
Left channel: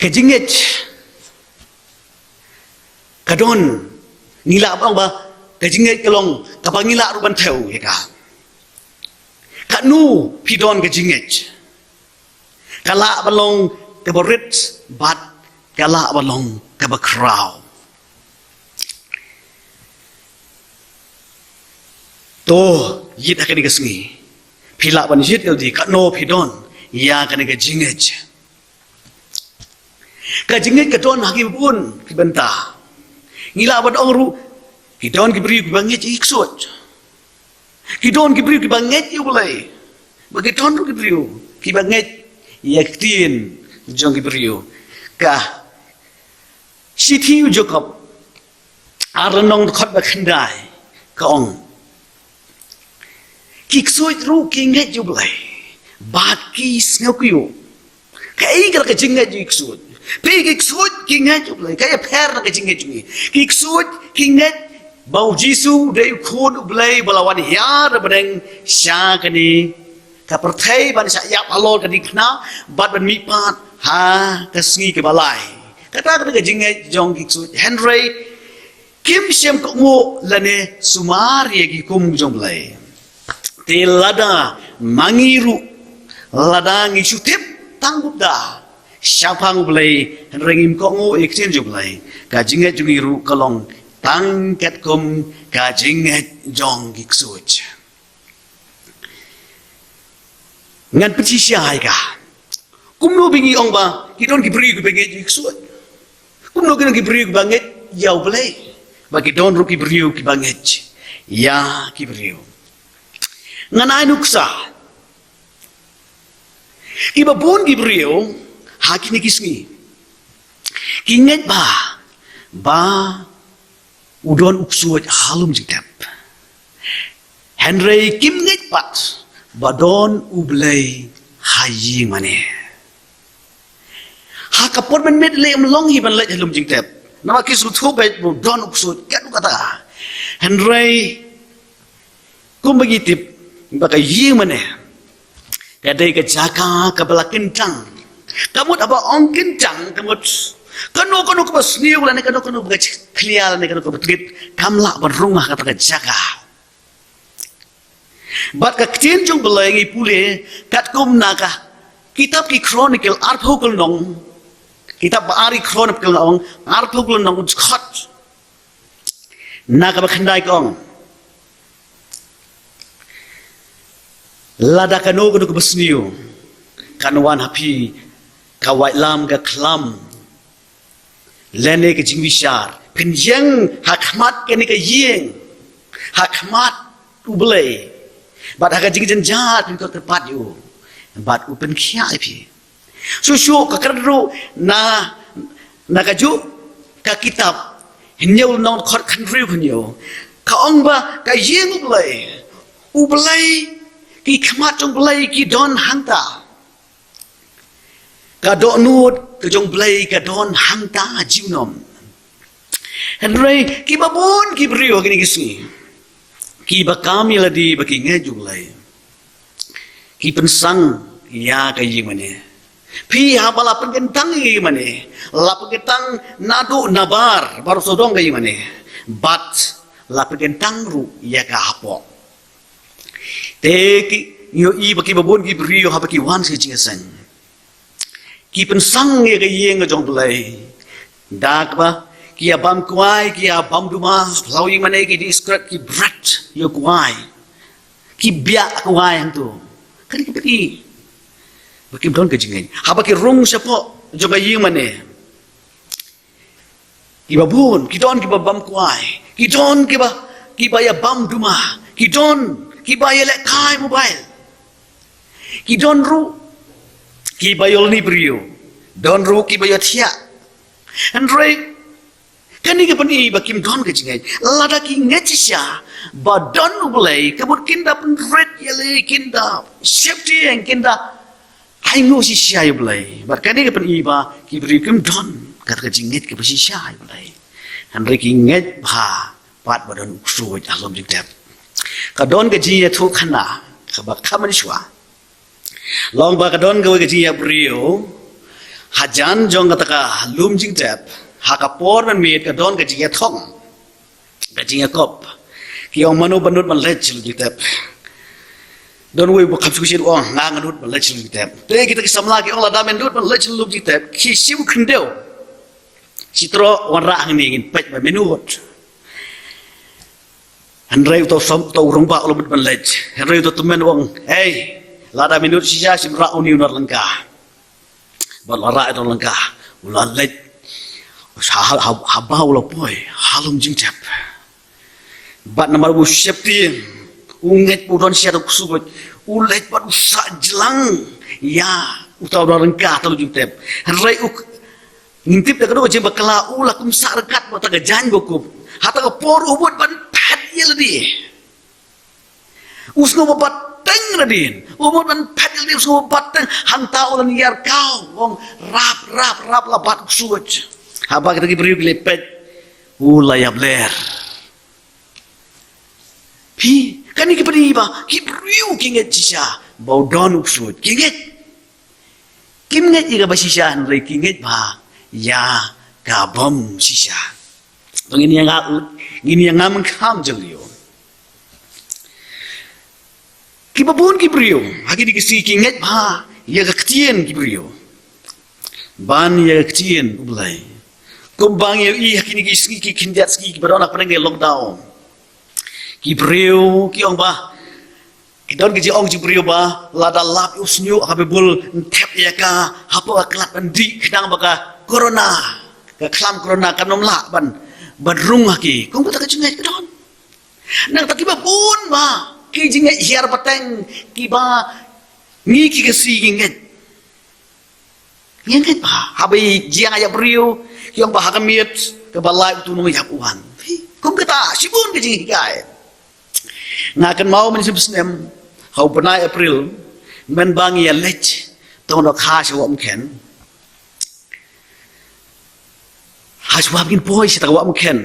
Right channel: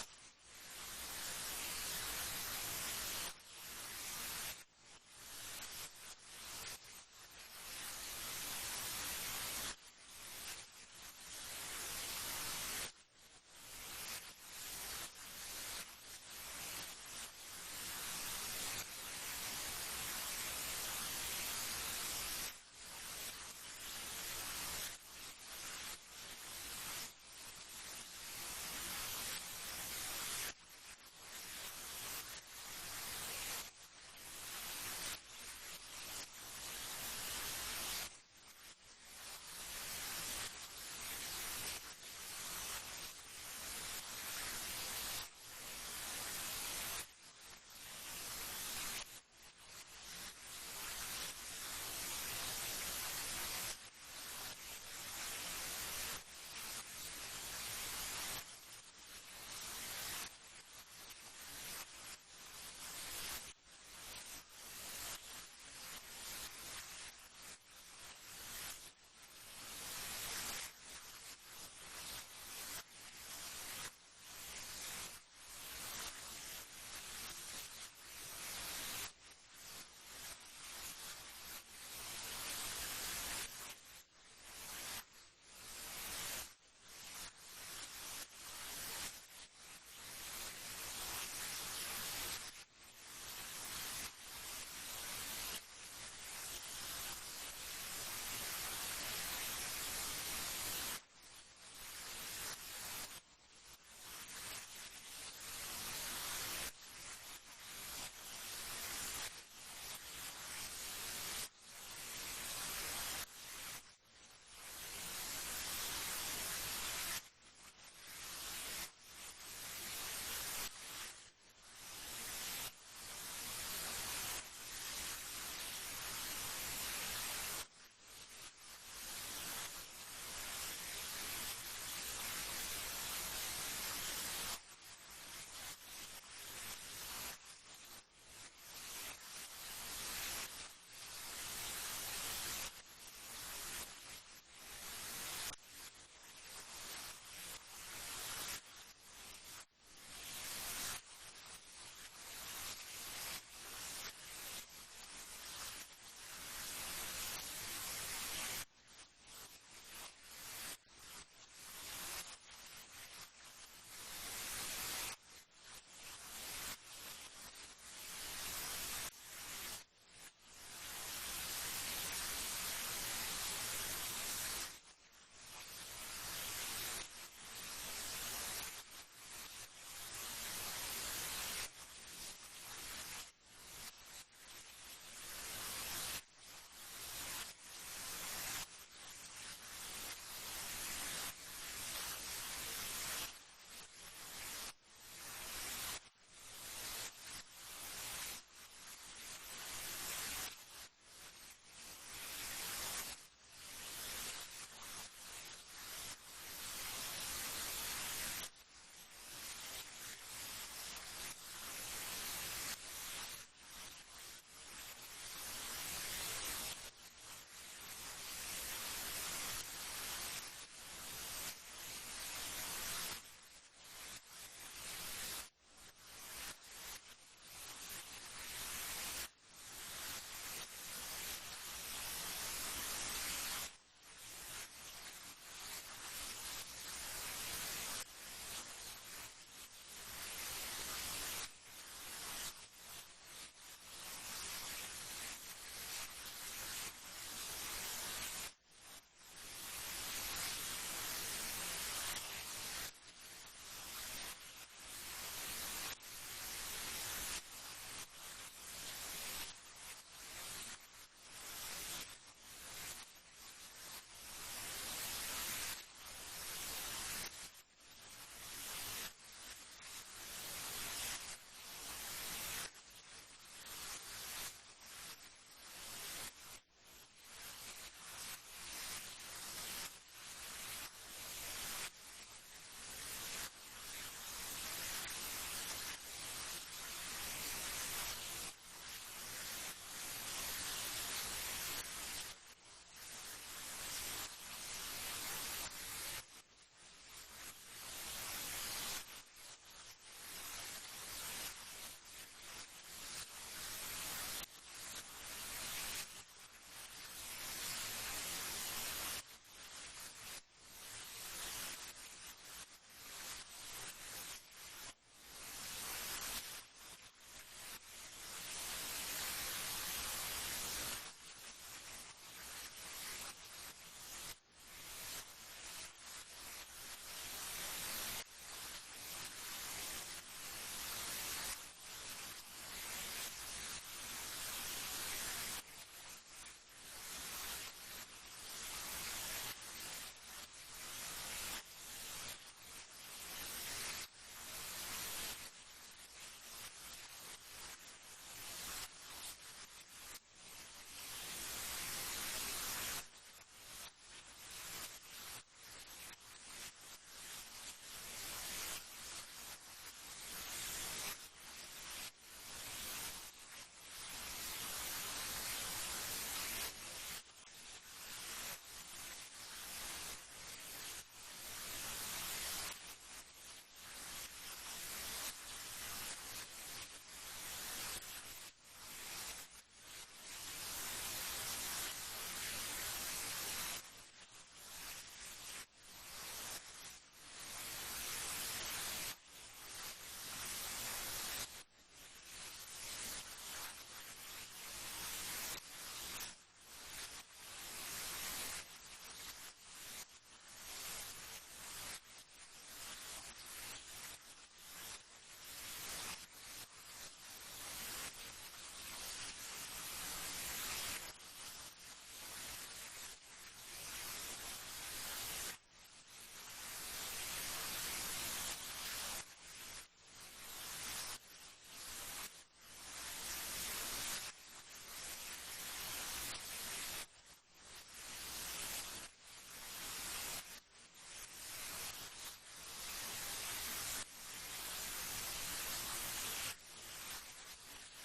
kajingat kadon ngila bang ba kajinget kalong kapang ngila ruban theu heka kanu pidon kajinget kala balong kaborit bat kala balong kabakraw to yit akan digasngi pila ban yit eldi kanu pidon ya kan kajinget kadon hakim pun kibenta ngila ban ongru kidon kibri banget iksot kidon kibri banget yo boleh bagi ton kibri ki banget yaktin jong kibri ka sithi jokop arnong khot ba khandai ka ong kiksot ru kinget yo boleh baki snokyo kai ka jinget iksot Pig iksud kinget ublay kaya per na kajinget jungi. Iksud kinget bau Jisu day khud ublay balawan hiar badeng sya kani kaperthai ban sya yap alol kani khna bat ban mipat ha kasngi ke balai. Kata kata kajinget jong iksud Henry kim shem ko mo lane sumar yegi kum jong blay. Telada mangiru ladang isu tip tanggupda. Syapang belai rengim kongo iksin ju belai kajinget jungiru kalong tangket kum kajinget jong giksuj ngan peci syai ka kumno bingi ong ba kidon kibri ku benget giksuj kumno kidon kibri ku banget yau belai bagi don ru kibri ku banget ya kibri ngan ainuksa ibabun kibri hakini kisngi kinget ba udon uksuat halum jitap Henry kimnget pat badon ublay hayi mane hakapon men met le long hi ban le halum jitap nama kisu thobet don uksuat kan kata Henry kum begitip bakai yi mane kadai ke jaka ke belakin tang kamu apa ong kencang kamu Kano ko ba sniu la ne kano ba clear ne kano ba trip kamla ba rumah kata ka jaga. Bat ka ktien jong belengi pule kat kum naga kitab ki chronicle article nong kitab ari chronicle nong article nong khot naga ba khandai kong lada kano ko ba sniu kanwan happy kawai lam ga klam lene ke jingwishar penjeng hakmat ke ne ke yeng hakmat ublei bat hak jing jat ko tepat yu bat upen khia pi su ka kadro na kaju ka kitab hinyol non khot khan riu hunyo ka ong ba ka yeng ublei ki khmat jong ublei ki don hangta ka do nut ke jong blai ka don hangta jiunom henry ki babon ki brio kini kisi ki bakami ladi baki ngejung lai ki pensang ya ka yimane pi habala pengentang yimane la pengentang nadu nabar baru sodong ka yimane bat la pengentang ru ya ka hapo te ki yo i baki babon ki brio ha baki wan se jingasan ki pensang ye ke yeng jong play dak ba ki abam kwai ki abam duma lawi mane ki discret ki brat yo kwai ki bia kwai tu kan ki pi baki don ke jingen ha baki rung sapo jong yeng mane ki babun ki don ki babam kwai ki don ki ba ya bam duma ki don ki ba ya le kai mobile ki don ru ki bayol ni brio don ru ki bayot hia andre kani ke pani bakim don ke jingai lada ki ngetisha ba don ublei kabut kinda pen red yele kinda safety and kinda ai no si sia ublei ba kani ke pani ba ki bri kim don kat ke jinget ke si sia ublei andre ki nget ba pat ba don suoj alom jitep ka don ke ji thu khana ka ba khaman shwa long ba ka don ke ji brio hajan jong kata ka lum jing tap hakapor man mit ka don ka ji thong ka ji kop ki ong manu banut man lech jing tap don we bu khap su shi ong nga nganut man lech jing tap te kita ki samla ki ong la da men dut man lech lum jing tap ki siu khndeu citro wan ra ngin ngin pech ba menut Henry to som to rong ba lo man lech Henry to tumen wong hey lada minut sisa simra uni unar lengka balara itu lengka ular lek habau lo boy halum jingcap bat nama bu septi unget udon siatu kusubut ulet bat usa jelang ya utau ular lengka atau jingcap rai uk ngintip dak do jemba kala ula kum sarkat mata ga jan bokup hata ga por ubut ban pat yeldi usno babat teng radin umur man padil dia semua batang hanta ulan yar kau wong rap labat suj haba kita beri lepet ulaya bler pi kan iki beri ba ki beri kinget sisa bau don suj kinget iga basisa nrai kinget ba ya kabom sisa ini yang ngam kam jelio ki babun ki brio hagi di kisi ki nget ba ya ka ktien ki brio ban ya ktien ulai kumbang ya i hagi ni kisi ki kindiat ski ki barona penenge lockdown ki brio ki ong ba ki don ki ong ki brio ba lada lap usnyu habe bul tep ya ka hapo aklat andi kedang baka corona ka klam corona kanom la ban rung hagi kong ta ka jingai kedon nang ta ki babun ba ki jinget hiar pateng ki ba ngi ki kesi jinget ba habai jiang aya brio ki ong ba hakamiet ke balai tu no yak uan kum kata sibun ke jingi kai ngakan mau men sibsnem hau penai april men bang ya lech tong no kha shi wam ken ha swab kin boy si ta wam ken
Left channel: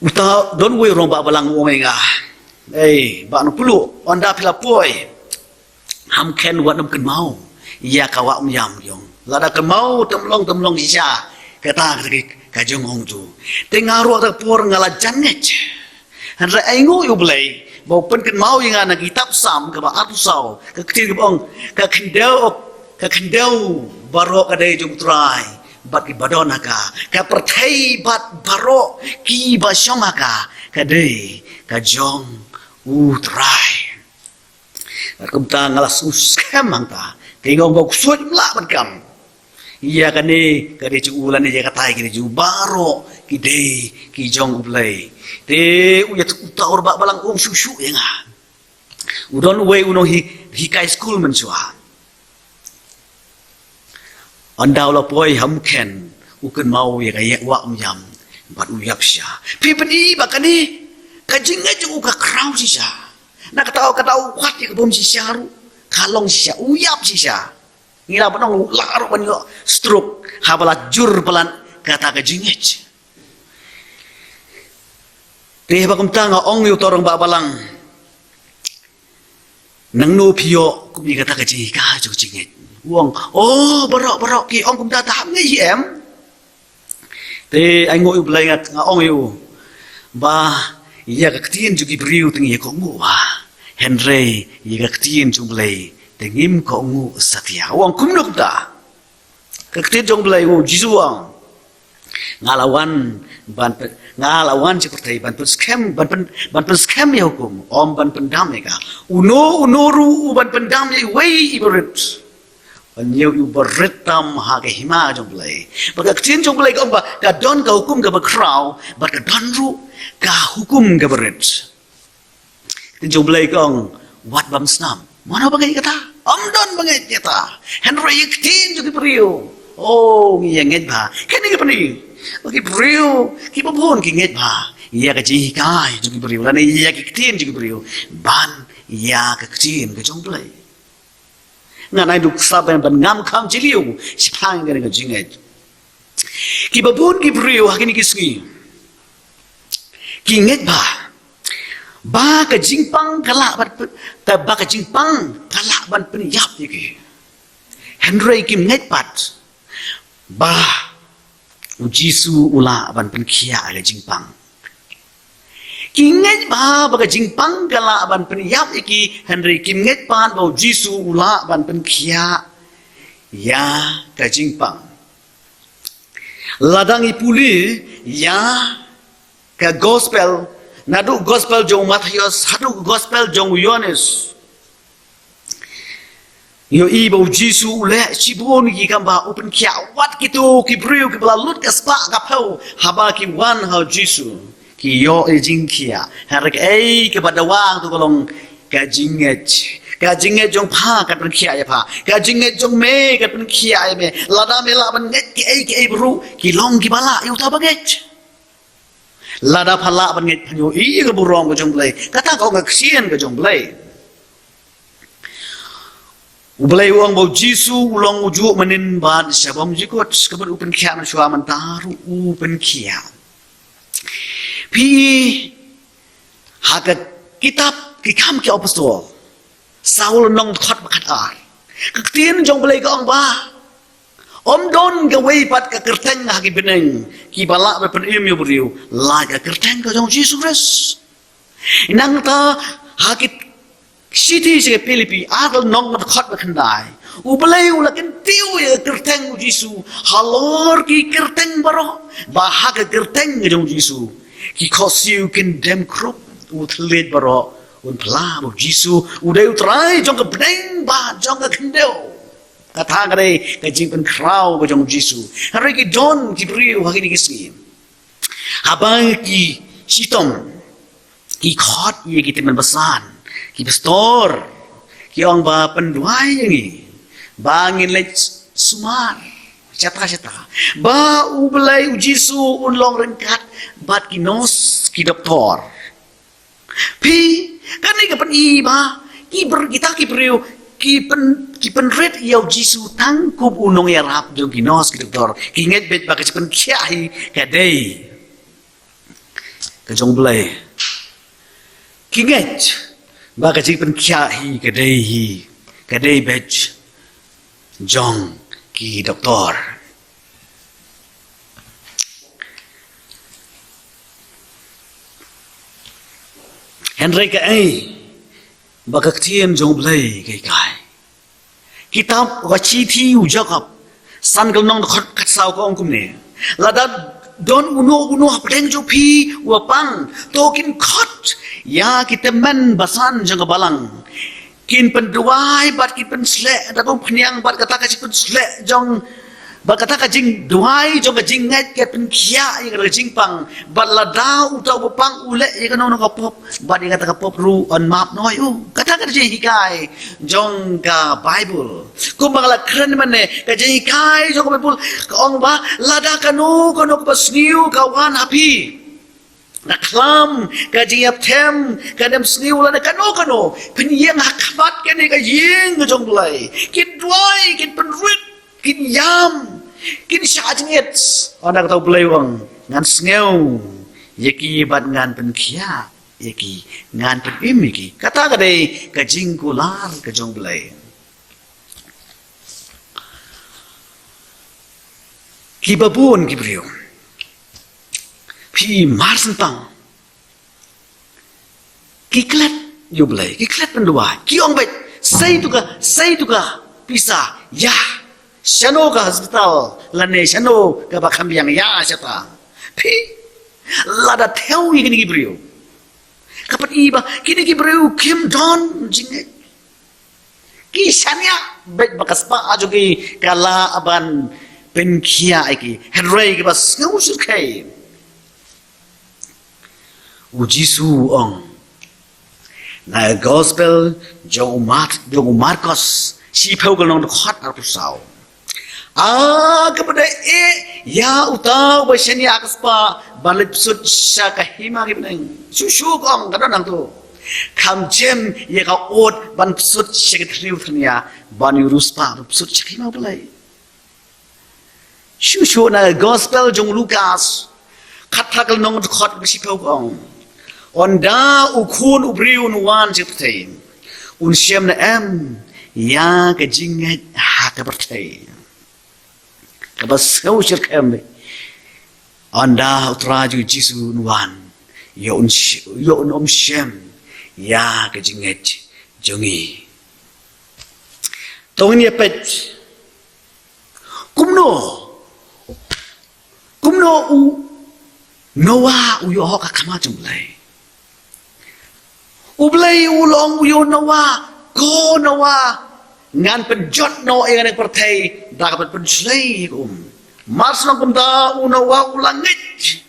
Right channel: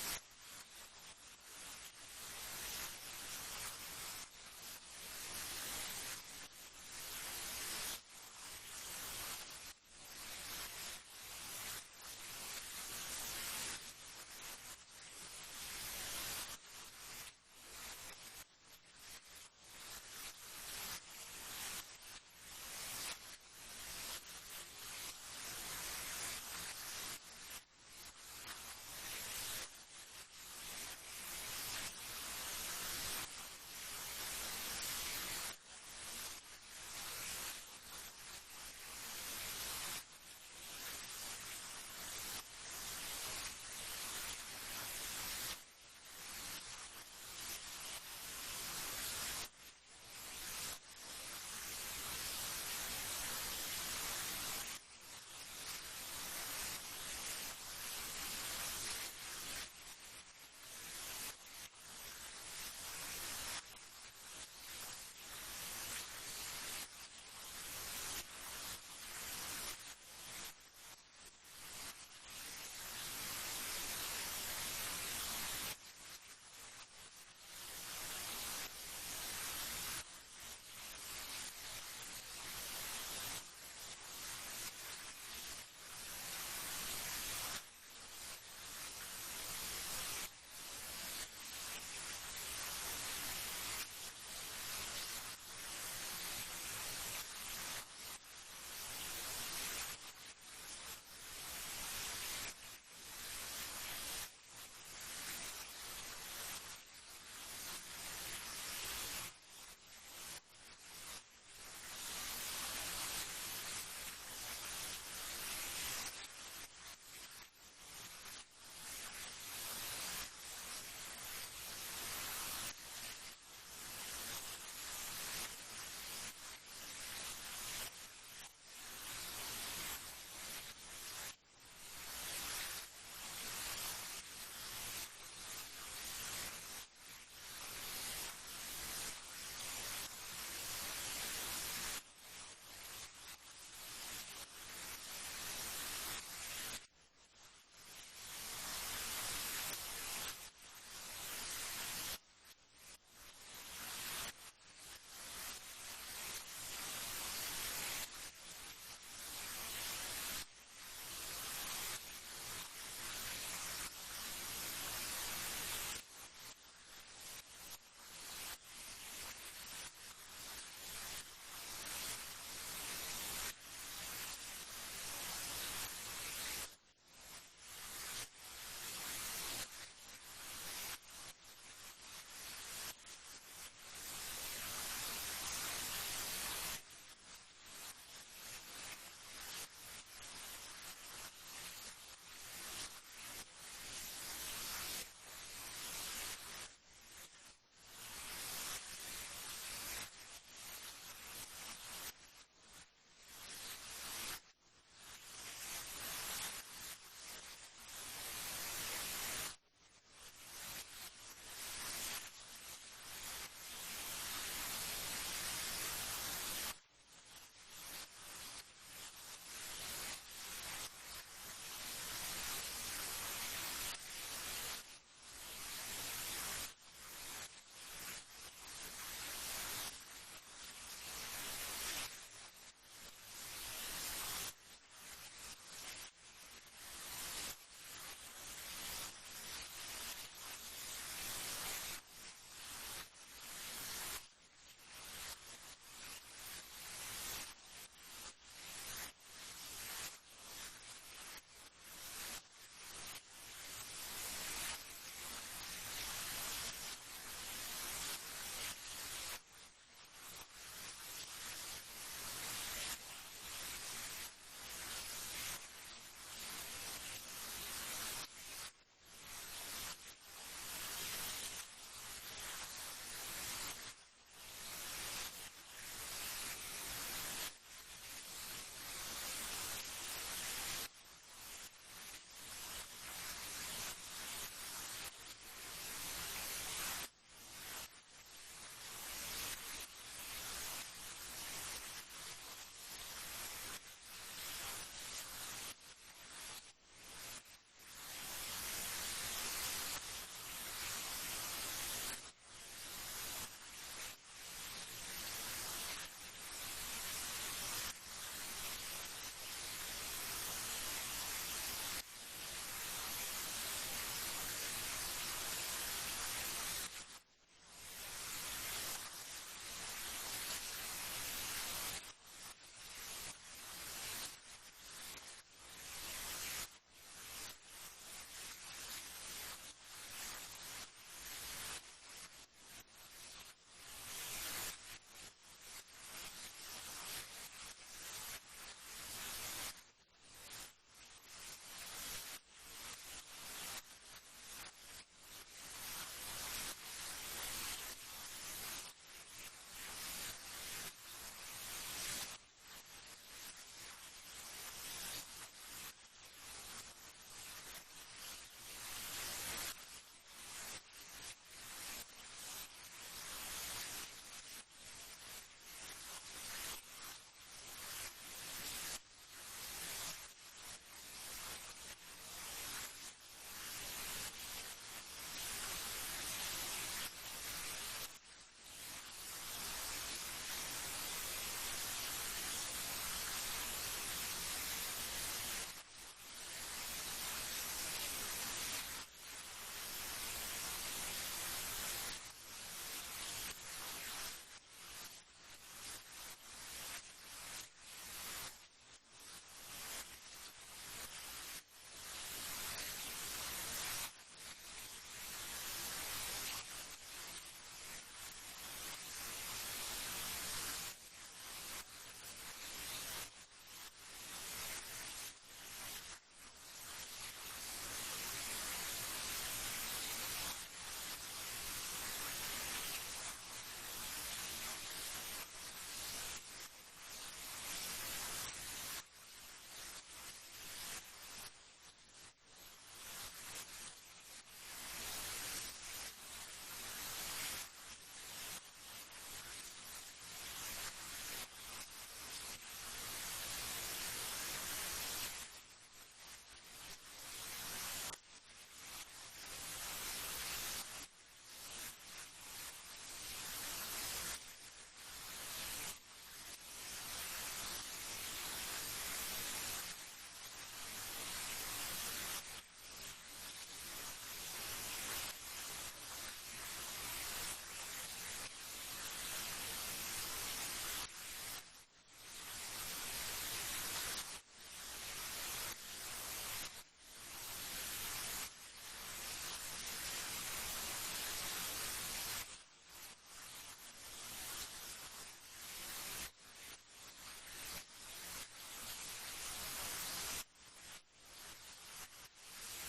uta don we rong ba balang wong nga ba no pulu onda pila poi ham ken wat nam kan mau ya ka wa yam yong lada ke mau temlong sisa kata ka jong ong tu tengah ro ta por ngala janget han ra aingo yu blai bau pen kan mau yang ana kitab sam ka ba atu sau ka ktir bong ka kendau baro ka dai jong trai bat ki badona ka perthai bat baro ki ba shoma ka dai ka jong trai kum ta ngala sus kamang ta kengong bau suat la ban kam iya kan ni ka dai ju ulan ni ka tai ki ju baro ki dai ki jong ublai te uya ta or ba balang susu ya nga udon we uno hi kai school man chua andau la poi ham ken ukun mau ya ga wa yam bat uyap sha pi pani ba kan ni ka jinga ju ka krau si sha na ka tau kwat ya bom si sha ru kalong si sha uyap si sha ngira banong laro ban yo stroke habala jur pelan kata ka jingech Teh bakum tanga ong yu torong ba balang nang no pio kum ni kata ka ji ka ju jinget wong barok ki ong kum ta tam ngai em te ai ngoi blai ngat nga ong yu ba ya ka tien ju ki briu ting ye ko ngu ba henry ye ka tien ju blai te ngim ko ngu satya wong kum no ta ka tien jong blai ngu jisu wang ngalawan ngalawan seperti bantu scam ya hukum om ban pendam ya unoru ban pendam ya wei ibarat banyu ibarat tam ha ke hima jong play baka kecin jong play ka ba ka don ka hukum ka bakrau baka don ru ka hukum ka berat jong play kong wat bam snam mana bangai kata om don bangai kata henry kecin jong priu iya nget ba kene ka pani Bagi beriu, kita pun kinget bah. Ia kecil kai juga beriu, dan ia kecil juga beriu. Ban ia kecil kejong play. Nganai duk saben ban ngam kam ciliu, sepang kena kejinget. Kita pun kita beriu hakini kisgi. Kinget bah. Ba kejingpang kalak ban, ba kejingpang kalak ban penyap ni. Henry kim nget pat. Bah. Jisu ula ban penkia aga jingpang. Kinget ba baga jingpang gala ban penyap iki Henry kinget pan bau Jisu ula ban penkia ya ka jingpang. Ladang ipuli ya ka gospel nadu gospel jong Matius hadu gospel jong Yohanes. Yo ibu Jisu ule cibun ki kamba open kia wat kitu ki briu ki belalut ke spa kapau haba ki wan hau Jisu ki yo jing kia harak ke pada wang tu kolong kajinget jong pa kat pen kia ya pa kajinget jong me kat pen kia ya me lada me la ban nget ki ai bru ki long ki bala yu ta baget lada phala ban nget yo i ke burong ke jong blai kata kau ngak sien ke jong blai Ublay uang bau Jisu ulang ujuk menin ban sabam jikot kabar upen kia na shua mantaru upen kia. Pi hakat kitab kikam kia apostol Saul nong khot bakat ar. Kaktin jong blay kaong ba. Om don ka way pat ka kerteng haki beneng ki balak bepen im yu beriu la ka kerteng ka jong Jisu Christ. Inang ta hakit Siti si Filipi adal nong khot bakandai. Ublay ulakin tiu ya kerteng Jisu. Halor ki kerteng baro. Bahag kerteng jong Jisu. Ki kosiu kendem krup utlet baro. Unpla bo Jisu uday utrai jong kebeng ba jong kendeu. Kata kare kajing pen krau ba jong Jisu. Hari ki don ki briu hakini kisni. Habang ki sitom ki khot ye ki teman besan. Ki pastor, ki orang ba penduai ni, bangin lek sumar, cata. Ba ublay Jisu unlong rengkat, bat ki nos ki doktor. Pi, kan ni kapan iba, kita ki priu, ki penret yau Jisu tangkup unong ya rap jong ki nos ki doktor. Ki nget bet ba kacipen kiai kadai. Kajong blay. Ki nget. Baka cik pen kia hi kadai bej jong ki doktor Henry ka ai bakak tien jong blai kai kitab wachi thi u jakap san kal nong khot khat saw ko ongkum ne lada don uno hapdeng jo phi wa pang to kin khot ya kitemen basan jang balang kin penduai bat kin pen sle da ko phniang bat kata ka chipun sle jong bat kata ka jing duai jong ka jing ngat ke pen khia ye ka jing pang bat la dau tau pang ule ye ka no ka pop bat ye kata ka pop ru on map noi u kata ka je hikai jong ka bible ku bangla kren mane ka je hikai jong ka bible ka ong ba la da ka no ka pasniu ka wan happy Naklam kajiap tem kadam sniu la kano penyeng hakabat kene ka yeng jong blai kin duai kin penrit kin yam kin syajnget ona tau blai wang ngan sneu yeki bat ngan pen khia yeki ngan pen imiki kata ka dei ka jingkular ka jong blai ki babun ki brio Pi marsen pang kiklat you blai kiklat pendua kiong bet say tuka pisa ya shano ka hospital lane shano ka bakam yang ya seta pi lada theo yi kini brio kapat iba kini brio kim don jinge ki shania bet bakas pa ajo ki kala aban penkia iki henry ki bas ngusur kai Ujisu ong na gospel jong Marcos si pegol nong khot ar pusau kepada ya utau baseni akspa balik sud syaka hima gibneng susu ong kada nang tu kam jem ye ka ot ban sud syaka triu thania ban uruspa sud syaka hima bulai susu na gospel jong Lukas khathakal nong khot bisi pegol ong Onda ukun ubriun wan jiptain un shem na em ya ka jinget ha ka bertai ka bas kau shirkem onda utraju jisu wan yo un shem ya ka jinget jongi tongni pet kumno u noa u yo ka kama jumlai Ublay ulong uyo nawa, ko nawa, ngan penjot no yang pertai, dapat penslay Mars nang kumda unawa ulangit.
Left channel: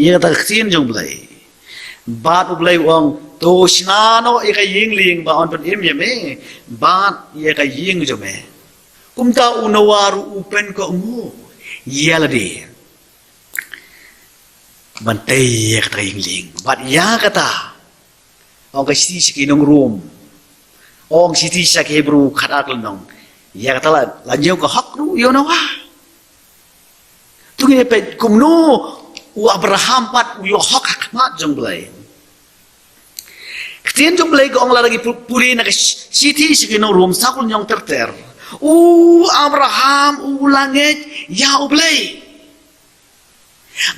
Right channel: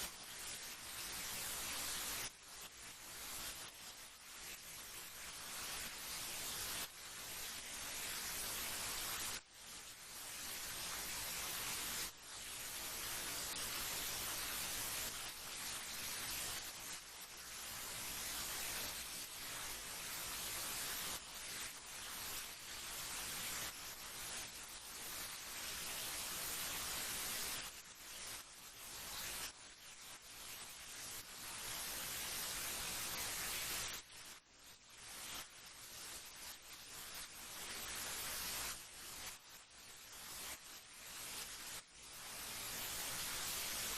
Ia kata ksin jong blay. Bat ublay uang to sinano ia kay yingling ba on pen im yame, bat ia kay ying jome. Kumda unawa ru upen ko mu. Ia ladi. Bantai ia kata yingling, bat ia kata Ong kasi siki nong room. Ong siti sa Hebrew katakal nong. Ya kata la jauh ke hak ru yo nawa. Tungi pe kumno u Abraham pat u yo hak hakmat jong blai. Ketien jong blai ko ong la lagi puri na siti siki nong room sakul nyong terter. U Abraham u langit ya u blai.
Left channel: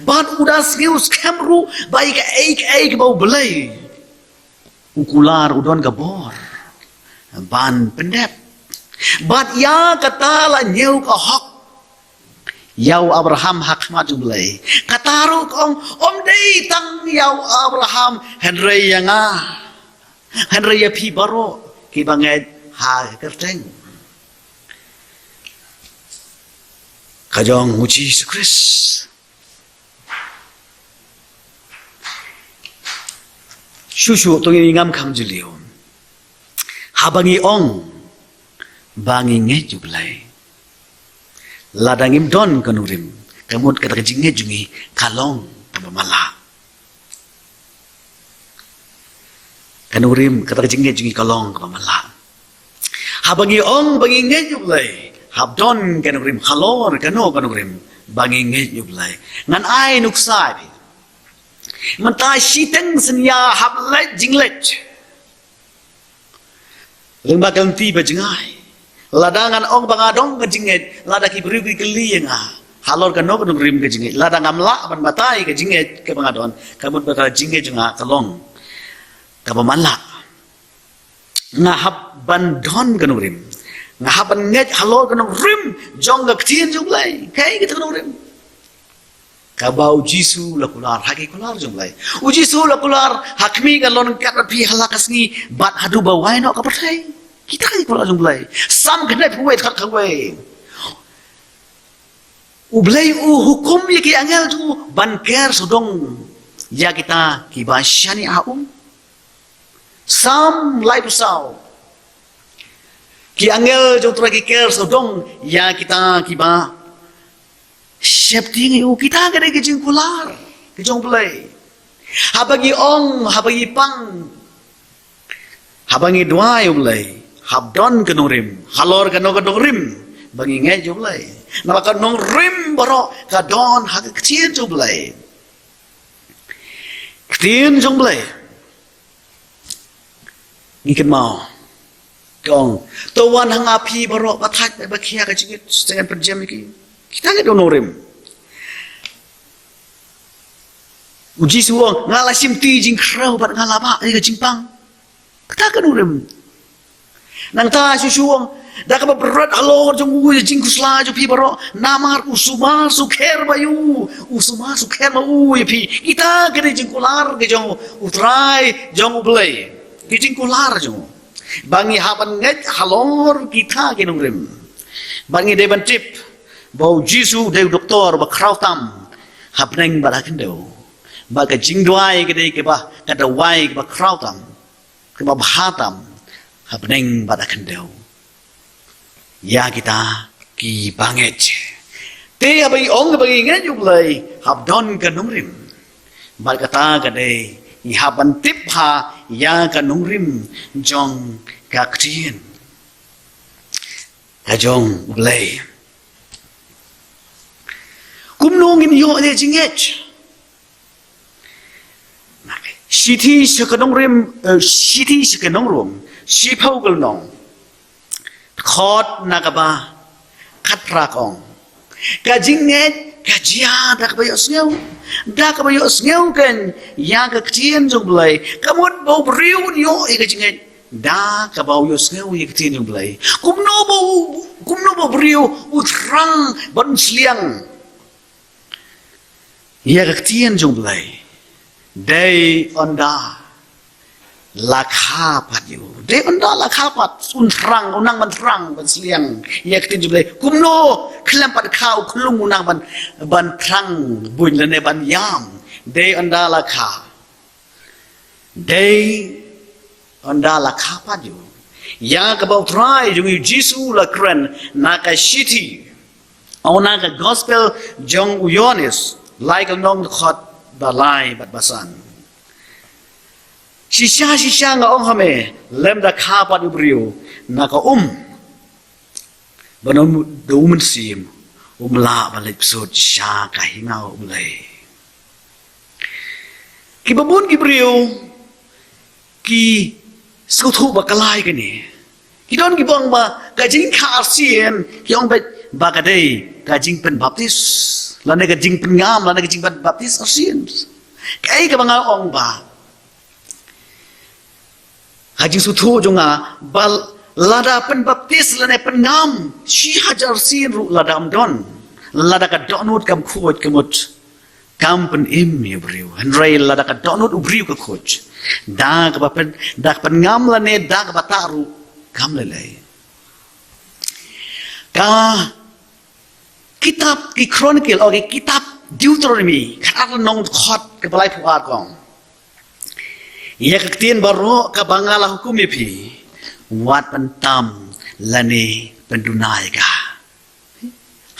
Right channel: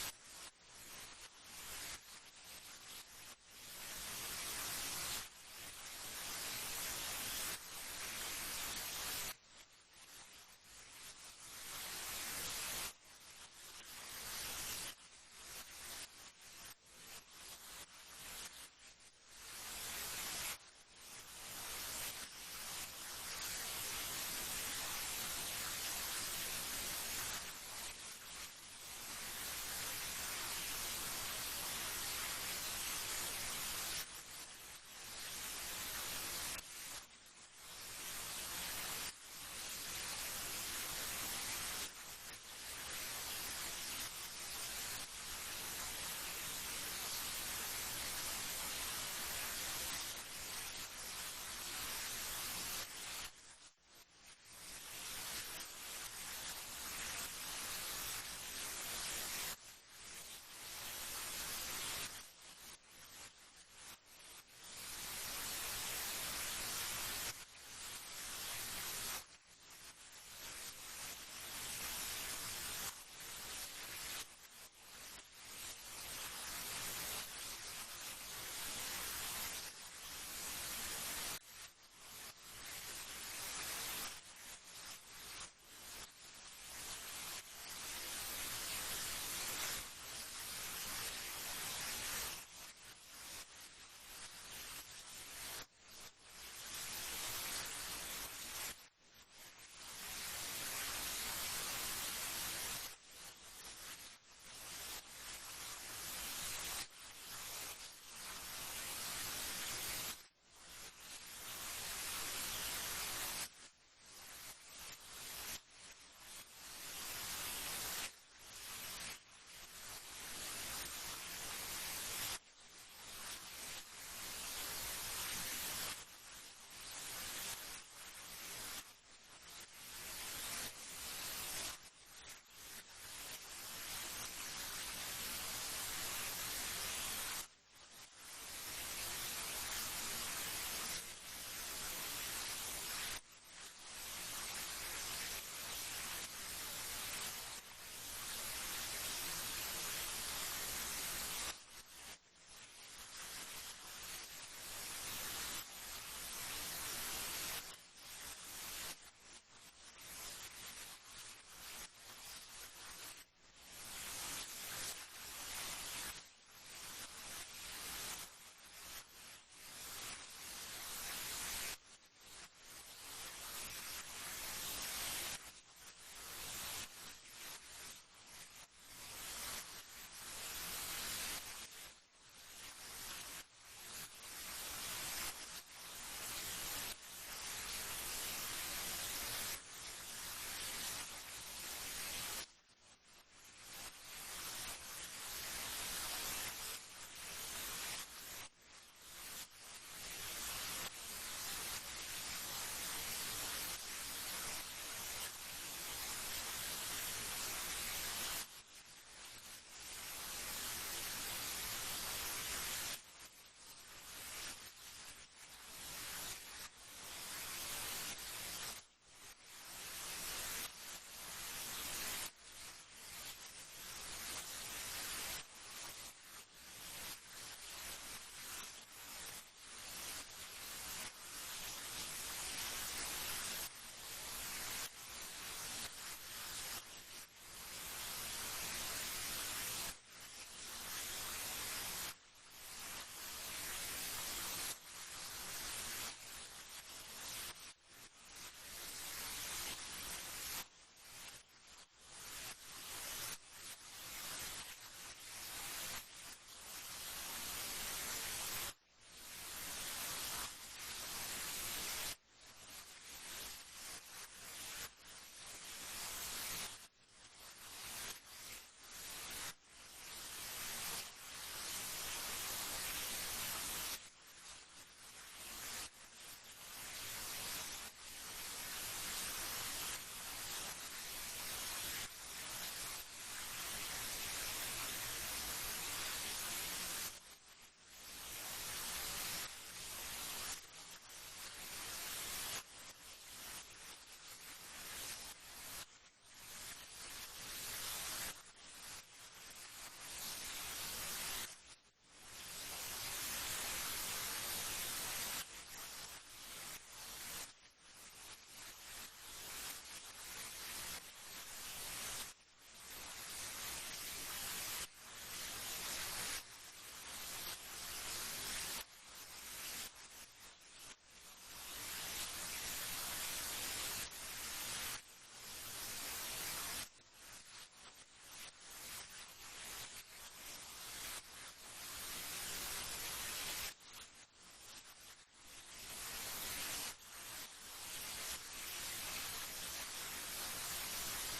Ban udas ngeus kamru baik eik bau blai. Ukular udon gabor ban pendep bat ya kata la nyeu ka hak yau Abraham hak maju belai kataru kong om dei tang yau Abraham Henry yang Henry ya pi baro ki banget ha kerteng kajong uji Yesus Kristus Shushu tong ingam kam julio. Habangi ong bangi nge jublai. Ladangim don kanurim. Kamut kata jinge jungi kalong pamamala. Kanurim kata jinge jungi kalong pamamala. Habangi ong bangi nge jublai. Habdon kanurim halor kanurim bangi nge jublai. Ngan ai nuksai. Mentai siteng senya hablet jinglet. Lembak ganti bajengai. Ladangan ong bangadong ke jinget, lada ki beriu ki keli nga. Halor kan nok rim ke jinget, lada ngamla ban batai ke jinget ke bangadon, kabut bata jinget juga kalong. Kapamanla. Ngahap ban don kan rim. Ngahap ban nget halor kan rim, jong ke tien jumlai, kai kita kan rim. Kabau Jisu lakular, haki kular jumlai. Ujisu lakular, hakmi galon kat pi halakas ni bat hadu bawai nok kapertai. Kita kan kular jumlai. Sam kena puai kat kawai. Ublai hukum ye ki angel tu banker sodong ya kita ki basyani aum. Sam lai pusau. Ki angel jo tra ki ker sodong ya kita ki ba Safety ngayon, kita ka rin kajing kular. Kajong play. Habagi ong, habagi pang. Habangi dua yung play. Habdon ka nung rim. Halor ka nung rim. Bangi ngay yung play. Nalaka nung rim baro. Kadon hagag kacien yung play. Kacien yung play. Ngikin mau. Kong. Tawan hang api baro. Batak. Bakia kacingit. Jangan perjam iki. Kita nggak donorim. Uji suang ngalasim ti jing krau bat ngalaba ni ke jingpang. Kita kan donorim. Nang ta susuang dah ka berat alor jong u jing kusla jo pi baro namar usuma sukher bayu usuma sukher ma u pi kita kan jing kular ke jong utrai jong ublai. Ke jing kular jong. Bangi haban nget halor kita ke donorim. Bangi deban tip bau Jisu deu doktor ba krautam hapneng balakin deu ba ka jingdwai ke dei ke ba ka dawai ke ba krautam ke ba bhatam hapneng balakin deu ya kita ki banget te abai ong ba ngai juk lai habdon ka nungrim ba ka ta ka dei ni haban tip ha ya ka nungrim jong ka ktien ka jong ulai kumnongin yo ne jinget siti sekanong rim siti sekanong rum sipau galnong khot nakaba katrakong kajinget kajia dak bayo sneu kan ya ka ktien jumlai kamut bau briu yo e kajinget da ka bau yo sneu e ktien jumlai kumno bau briu utrang ban sliang ia kektian jumlai day onda lakha pat yu day onda lakha pat unrang unang mantrang ban sliang ia kektian jumlai kumno klam pat khau khulung unang ban trang buin lene ban yam day onda lakha day onda lakha pat yu ya ka bau try jung Jisu la kren naka shiti ona ka gospel jong uyonis like nong khot balai bat basan shisha nga ong hame lem da kha pat ubriu naka banom do sim la balik sot sha ka hingau ulai ki babun ki briu ki suthu bakalai ke ni ki don ki bang ba ka jing kha sien ki ong ba ka dei ka jing pen baptis lana ka jing pengam lana ka jing baptis asin kai ka banga ong ba haji suthu jonga bal lada pen baptis lana pengam shi hajar sin ru lada don lada ka donut kam khot kamut kam pen im mi briu henrai lada ka donut ubriu ka khot da ka pen da pengam lane da ka bataru kam lele ka kitab ki chronicle okay kitab Deuteronomy kata nong khot ke balai puat kong ia kektien baro ka bangala hukum pi wat pentam lane pendunai ka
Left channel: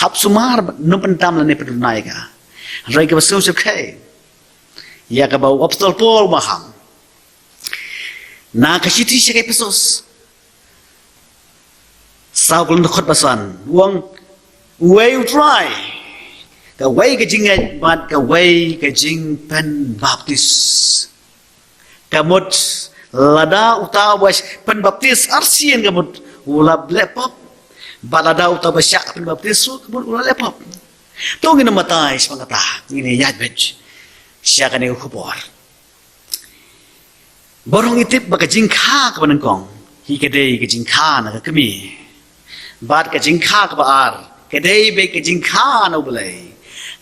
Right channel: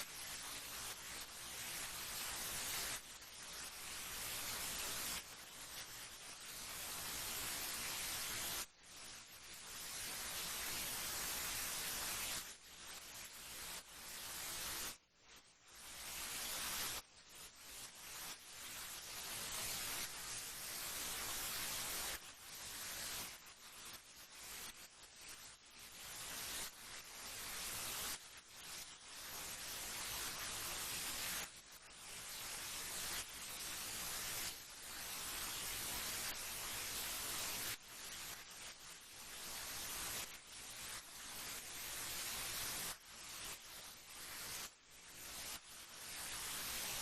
hap sumar no pentam lane pendunai ka rai ka basu sekhe ia ka bau apostol Paul maham na ka siti sekhe pesos saulun khot basan wong way you try ka way ka jingat bat ka way ka jing pen baptis kamut lada utawas pen baptis arsien kamut ulab lepop baladau ta basyak pin baptisu kebun ulah lepop to ngin matai semangata ngin yat bej sia kan ku bor borong itip baka jingkha ka banangkong hi kedei ke jingkha na ka mi bat ka jingkha ka baar kedei be ke jingkha na bulai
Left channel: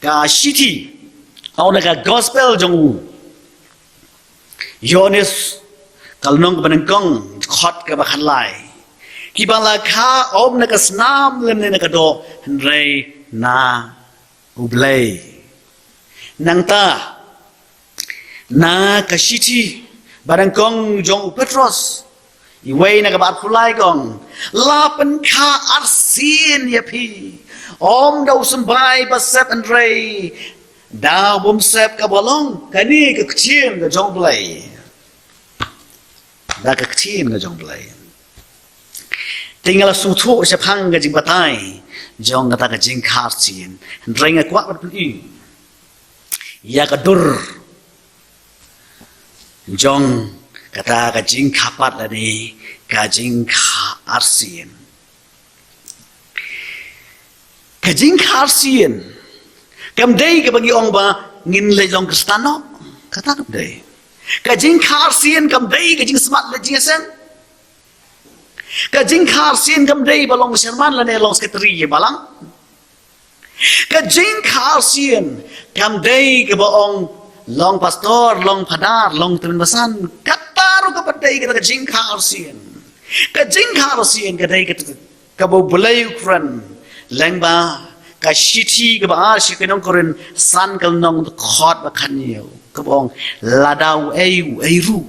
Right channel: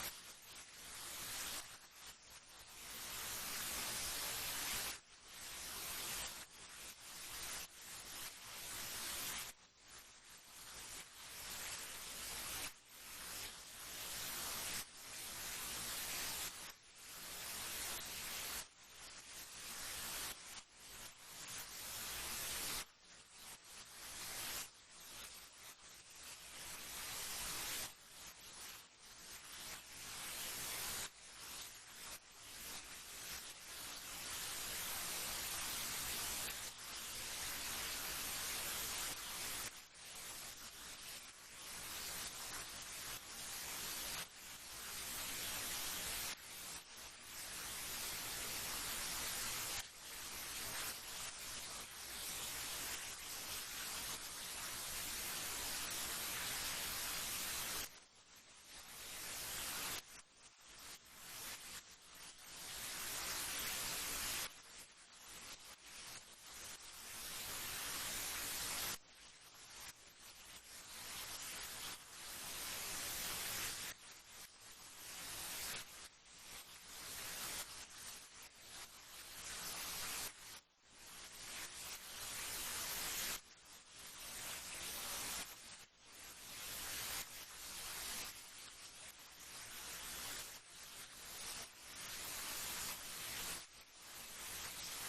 ka city au na ka gospel jong yones kalnong ka banangkong khot ka bakhan lai ki bala kha om na ka snam lem ne na ka do rei na ublay nang ta na ka city barangkong jong Petros iway na kabat kulay kong lapan ka arsin yapi om daw sembay basep Andre daw bumsep kabalong kani ka kchin ka jong blay da ka kchin ka jong blay tinggal sutu sa pang ka jing batay jong kata ka jing karsin Andre nga kwak batuli ya ka dur jong kata ka jing kapat la ni ka jing ka arsin kam dei ka bagi ong ba ngin le jong kristano kata kam dei ka jing ka arsin kam dei ka jing smart la jing sen ka jing ka arsin kam dei balong serman la ne long sekretari balang ka jing ka arsin kam dei ka ba ong long pastor, long padar, long teman basan, kataru ka padai kita kajing karsian kadai kita kabo bulai ukran, lengba ka shiti ka ba shi kenong koren san kal nong khot ba khanyo kabong ladau eiru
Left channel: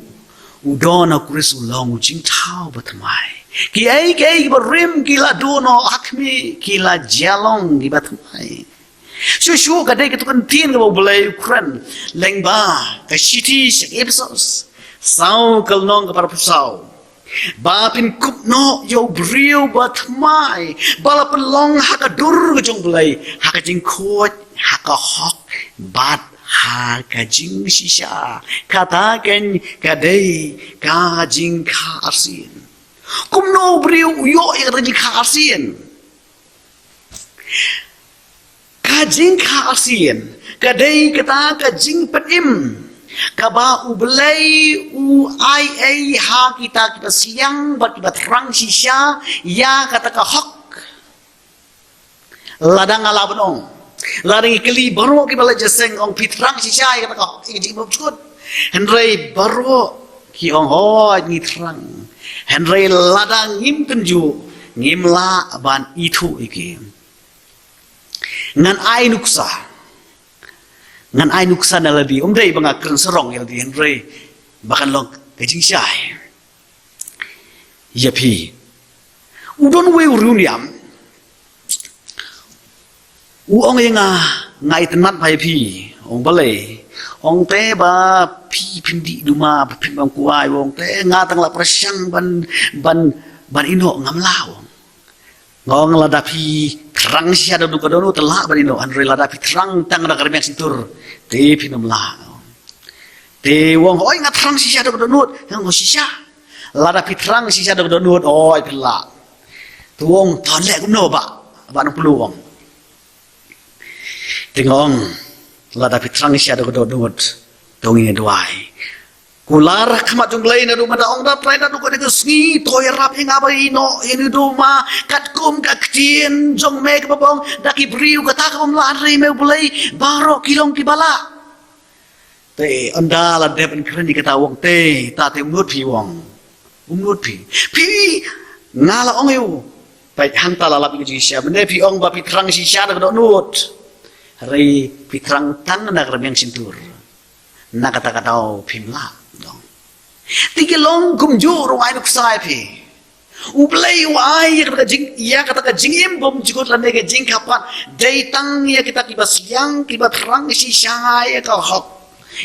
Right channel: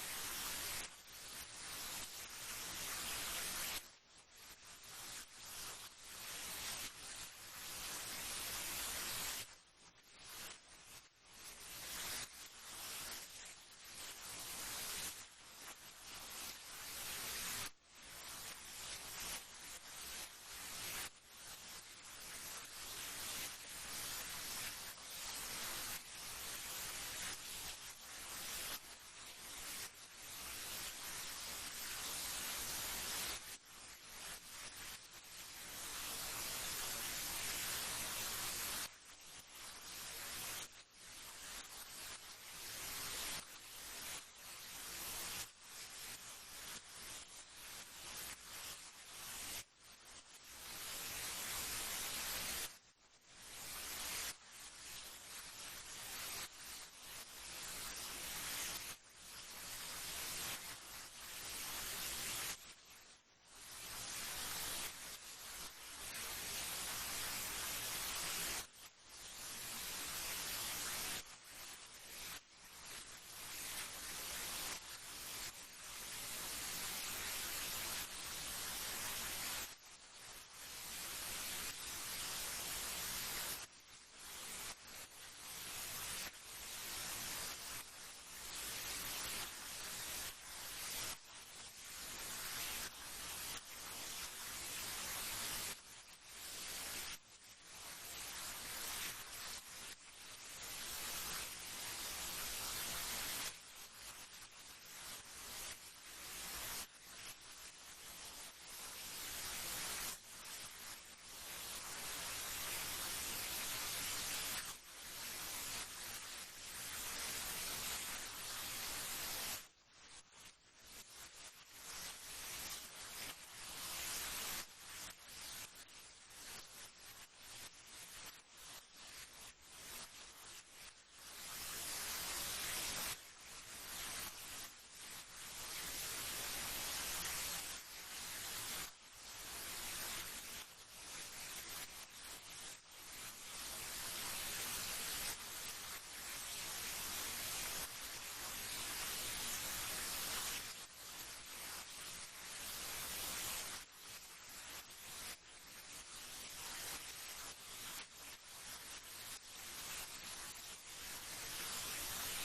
udona kuris ulong jing thau ba thamai ki ba rim ki la dono akmi ki la jalong ki ba thamai Shushu kadai kita kan tin ka boleh Ukraine lengba ka city sek episodes sau kalnong ka para pusau ba pin kup no yo brio bat mai bala pelong ha ka dur ka jong boleh ha ka jing khot ha ka hok bat ha ka jing shisha kata ken kadai ka jing ka arsin kum no brio yo ya ka jing ka arsin kajing karsian kadai kata kajing pedim kaba ublay u ai ha kita siang bat kita terang sisya ya kata ka hok ladang ala benong ladang ikli baru ki bala jaseng ong pitrang sisya ya kata ka hok jing bukut henry baru ki ong ho ni terang henry ladang ngim penju ngimla ban itu iki ngan ai nuksa na labi umdai banga kren serong ya di henry bahkan long kajing syai yapi udon we uruniam ong yang ngai tenat pai pi ong balai ong te ba pi pindi duma pin bang kuai ong te nga tang la prasyang ban ino ngamlau ngong ladapi terang sia da duka dono telak barino andre ladapi terang tang da karmiak situr te pinom la te wong oi ngat terang sia da dono ngong sia ladapi terang sia da dono oi pelak tuong ton lek kumno ba nang peluang tengong ladapi terang sia da dono dongin duai kular kamat jong lain adu mada ong da trai da du ko de sni toy rap ing abai no ini du ma kat kum ka ktin jong me ka bong da ki briu ka ta ka om la ri me bulai baro kilong ki bala te anda la de ben kren di kata wong te ta te mut pi wong mut pi ngala ong yu pai hang ta la la pi ji sia bende pi ong ba pi trang si sia da do nut ri pi trang tan na ka yang sintur na kata pimla Tiga long kumjur wai nuk sai pi. Ublay wai ya kata ka jingim bom jikot lande ke jing kapan dai tang ya kita kiba siang kiba terang si syai ka hok.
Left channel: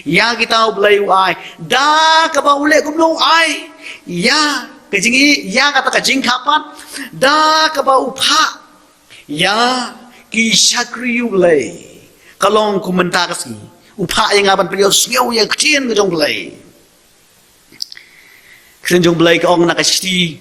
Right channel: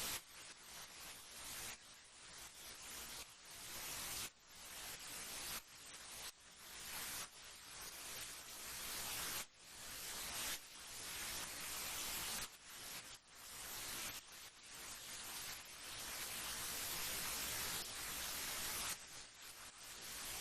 Ya kita ublay wai da ka ba ule kum no ai. Ya ke jingi ya kata ka jing kapan da ka ba upha. Ya ki syakri ublay. Kalong kumenta kasi upha yang aban beliau siau yang kecil ke jong belai. Kren jong belai ke ong nak kasi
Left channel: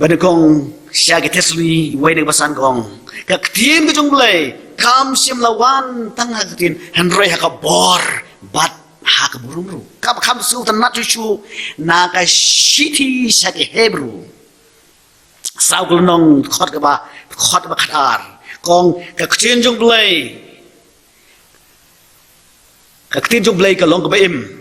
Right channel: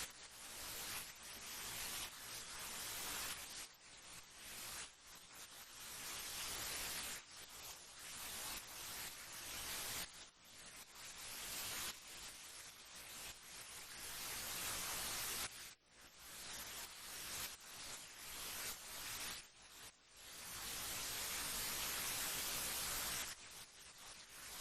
Bani kong siya Tesli way ng basan kong kaktin ko jong blay kam sim lawan tanga katin Henry hakabor bat hakaburumru kam su tan nat chu na ka shiti sa ke Hebrew sau nong khot ka ba khatar kong kaktin jong blay ka long ka ba im